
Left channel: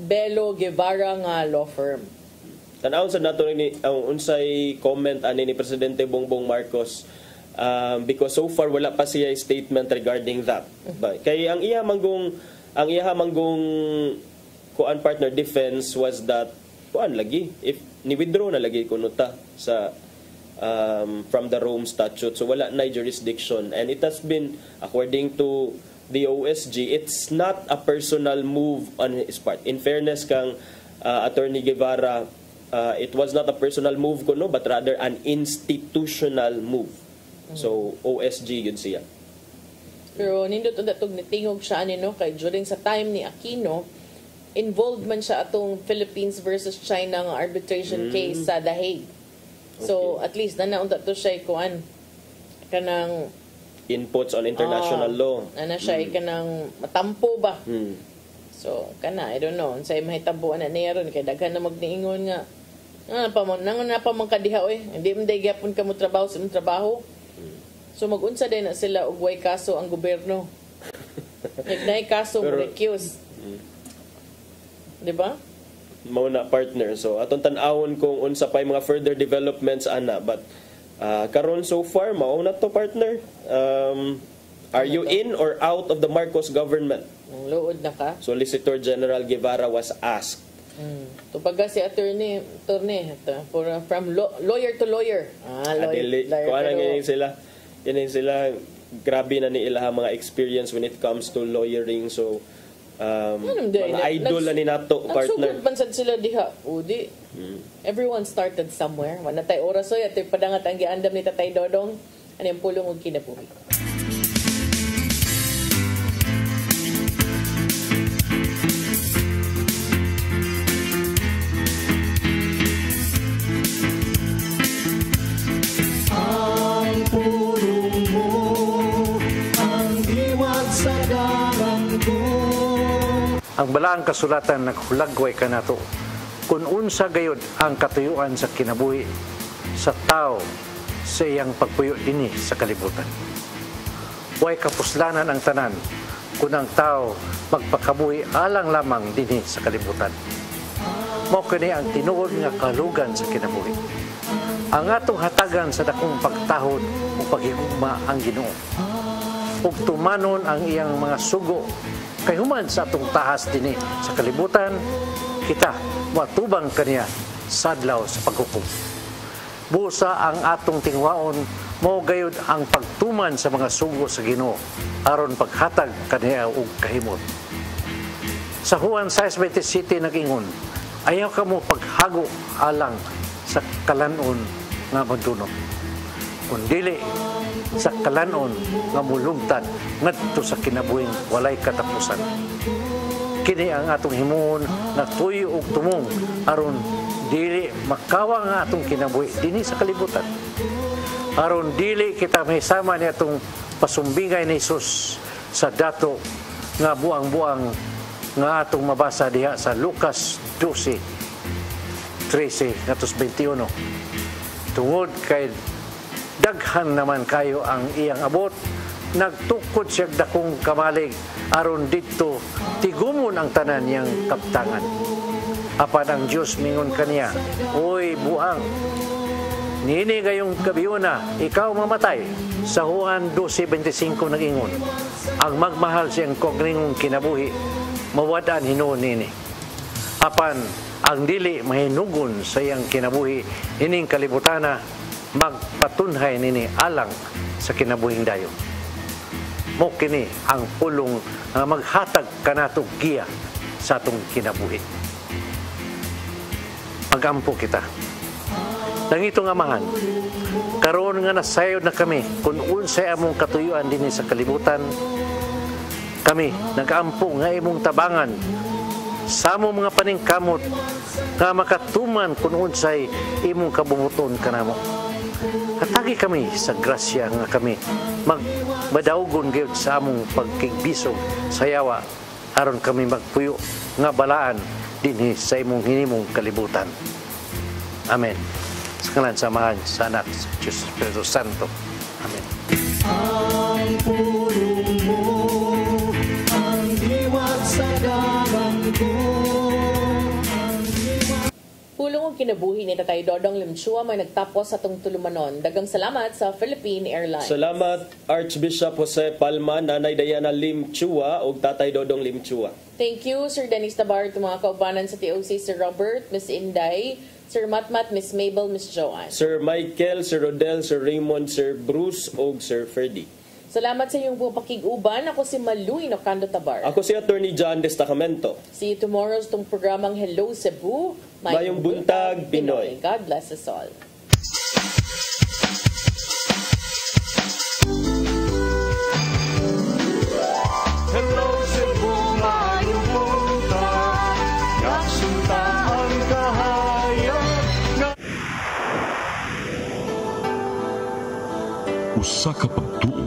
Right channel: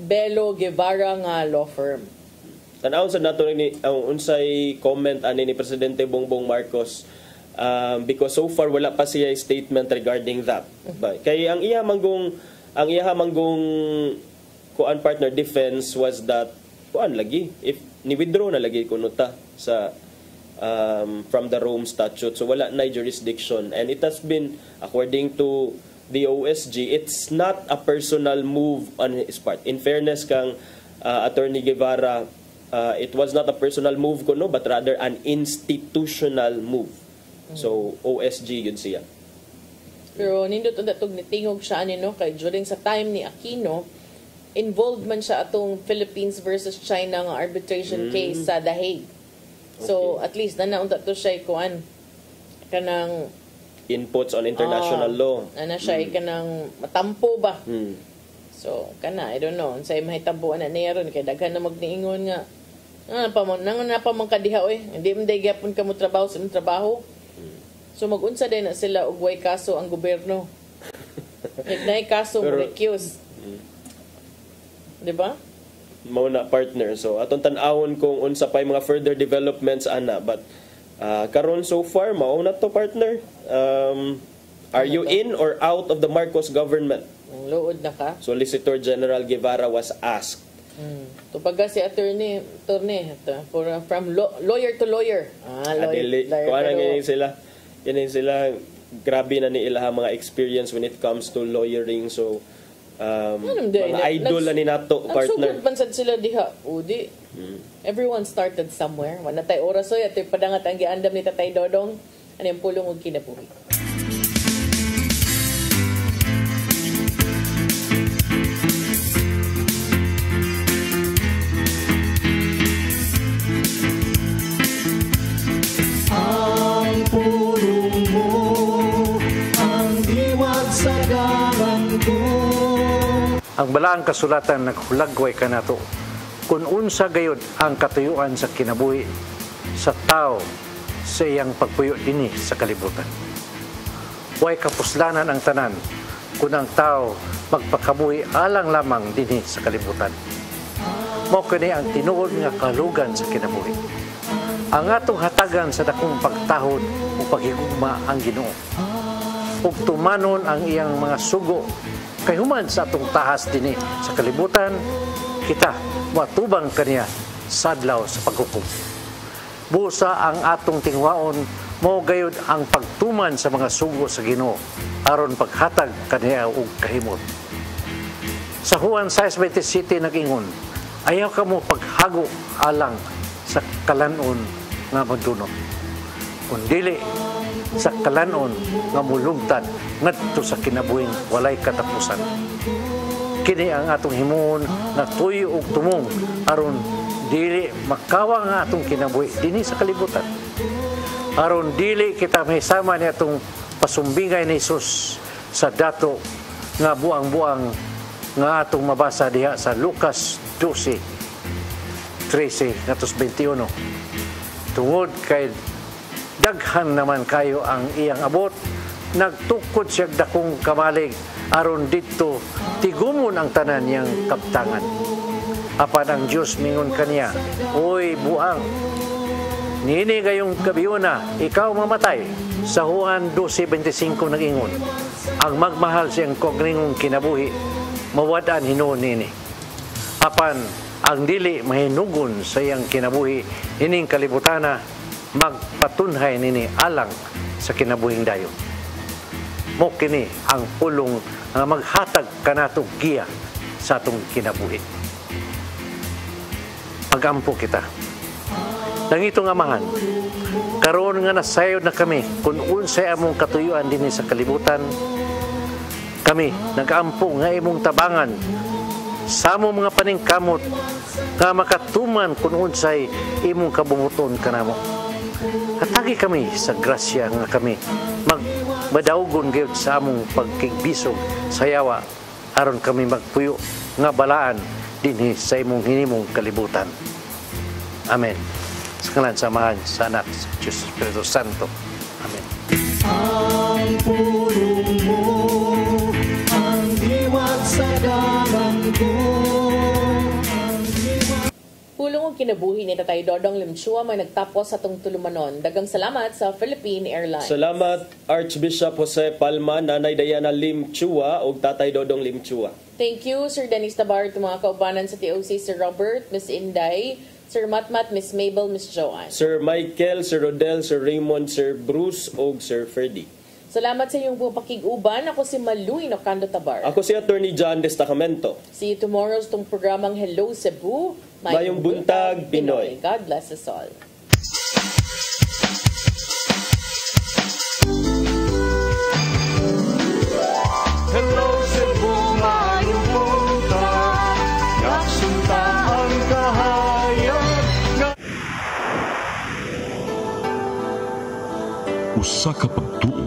Belo Guevara nga law firm. Tanaw sa nato ni unsay comment ani ni Presidente Bongbong Marcos because so far wala pa siya statement regarding that. Kay ang iha manggong kuan partner defense was that kuan lagi if ni withdraw na lagi kuno ta sa from the Rome Statute, so wala na jurisdiction, and it has been according to the OSG, it's not a personal move on his part. In fairness kang Attorney Guevara, it was not a personal move kuno but rather an institutional move. So OSG yun siya. Pero nindot udatog ni tingog siya ani no kay during sa time ni Aquino involved man siya atong Philippines versus China nga arbitration case sa The Hague. So at least naunta to siya kuan kanang inputs on international law. Ana siya kanang matampo ba. So kana I don't know unsay mahitampuan na niya ron kay daghan na magniingon nga napamang kadiha oy hindi man day gyapon ka mo trabaho sa trabaho. So mag-unsa din na sila og way kaso ang gobyerno. Nagnay kaso mo recuse. Diba? Mao na partner. So atong tan-awon kung unsa pay mga further developments ana, but karon so far mao na to partner. Are you in or out of the Marcos government? Ang luod na ka. Solicitor General Guevara was asked. Tupaga si attorney from lawyer to lawyer. Lawyer sila grabe na ni ilaha mga experience when it comes to lawyering. So mga idol na ni nato partner. Nagsugod pansad sila diha. Udi. Everyone started somewhere. Wala tay oras oy at padangat ang giandam ni Tatay Dodong. Ano yung pulong og kinabuhi. Ang balaang kasulatan naghulagway ka nato kung unsa gayud ang katuyuan sa kinabuhi sa tao sa iyang pagpuyo dinhi sa kalibutan. Way kapuslanan ang tanan kung ang tao magpakabuhi alang lamang dinhi sa kalibutan. Mao kini ang tinuod nga kalugan sa kinabuhi. Ang atong hatagan sa dakong pagtahod o paghigugma ang Ginoo. Ug tumanon ang iyang mga sugo kay human sa atong tahas dinhi sa kalibutan, kita matubang kaniya sa adlaw sa paghukom. Busa ang atong tingwaon mao gayud ang pagtuman sa mga sugo sa Ginoo aron paghatag kaniya og kahimot. Sa Juan 6:27 nag-ingon, ayaw kamo paghago alang sa kalanon nga madunot. Kung dili sa kalanon nga mulugtad ngadto sa kinabuhing walay katapusan. Kini ang atong himuon nga tuyo ug tumong aron dili makawa nga atong kinabuhi dinhi sa kalibutan. Aron dili kita mahisama ni atong pasumbingay ni Hesus sa dato nga buang-buang nga atong mabasa diha sa Lucas 12:13-21. Tungod kay daghan naman kayo ang iyang abot, nagtukod siya dakong kamalig aron didto tigumon ang tanan niyang kaptangan. Apan ang Dios mingon kaniya, oy buang, nini gayong kabiyona, ikaw mamatay. Sa Juan 12:25 nag-ingon, ang magmahal siyang kogningong kinabuhi, mawad-an hinuon nini. Apan ang dili mahinugon sa iyang kinabuhi, ining kalibutana, magpatunhay nini alang sa kinabuhing dayon. mo kini ang pulong nga maghatag kanato giya sa atong kinabuhi. Magampo kita. Nangitong amahan, karon nga nasayod na kami kung unsay among katuyuan din sa kalibutan, kami nag-ampo nga imong tabangan sa among mga paningkamot nga makatuman kung unsay imong kabunguton kanamo. Katagi kami sa grasya nga kami magmadaugon gyud sa among pagkigbisog sa yawa aron kami magpuyo nga balaan dinhi sa imong hinimong kalibutan. Amen. Sa ngalan samahan sa anak sa Diyos Espiritu Santo. Amen. Ang pulong mo, ang diwag sa dalan ko. Pulong og kinabuhi ni Tatay Dodong Limchua may nagtapos sa atong tulumanon. Daghang salamat sa Philippine Airlines. Salamat Archbishop Jose Palma, Nanay Diana Limchua ug Tatay Dodong Limchua. Thank you Sir Dennis Tabar, mga kaubanan sa TOC, Sir Robert, Miss Inday, Sir Matmat, Miss Mabel, Miss Joanne. Sir Michael, Sir Rodel, Sir Raymond, Sir Bruce ug Sir Ferdy. Salamat sa iyong pakiguban. Ako si Maluy Nocando Tabar. Ako si Attorney John Destacamento. See you tomorrow sa itong programang Hello Cebu. Mayong Buntag, Pinoy. God bless us all. Hello Cebu, mayong buntag, nagsunta ang kahayag. Usa ka pagtuo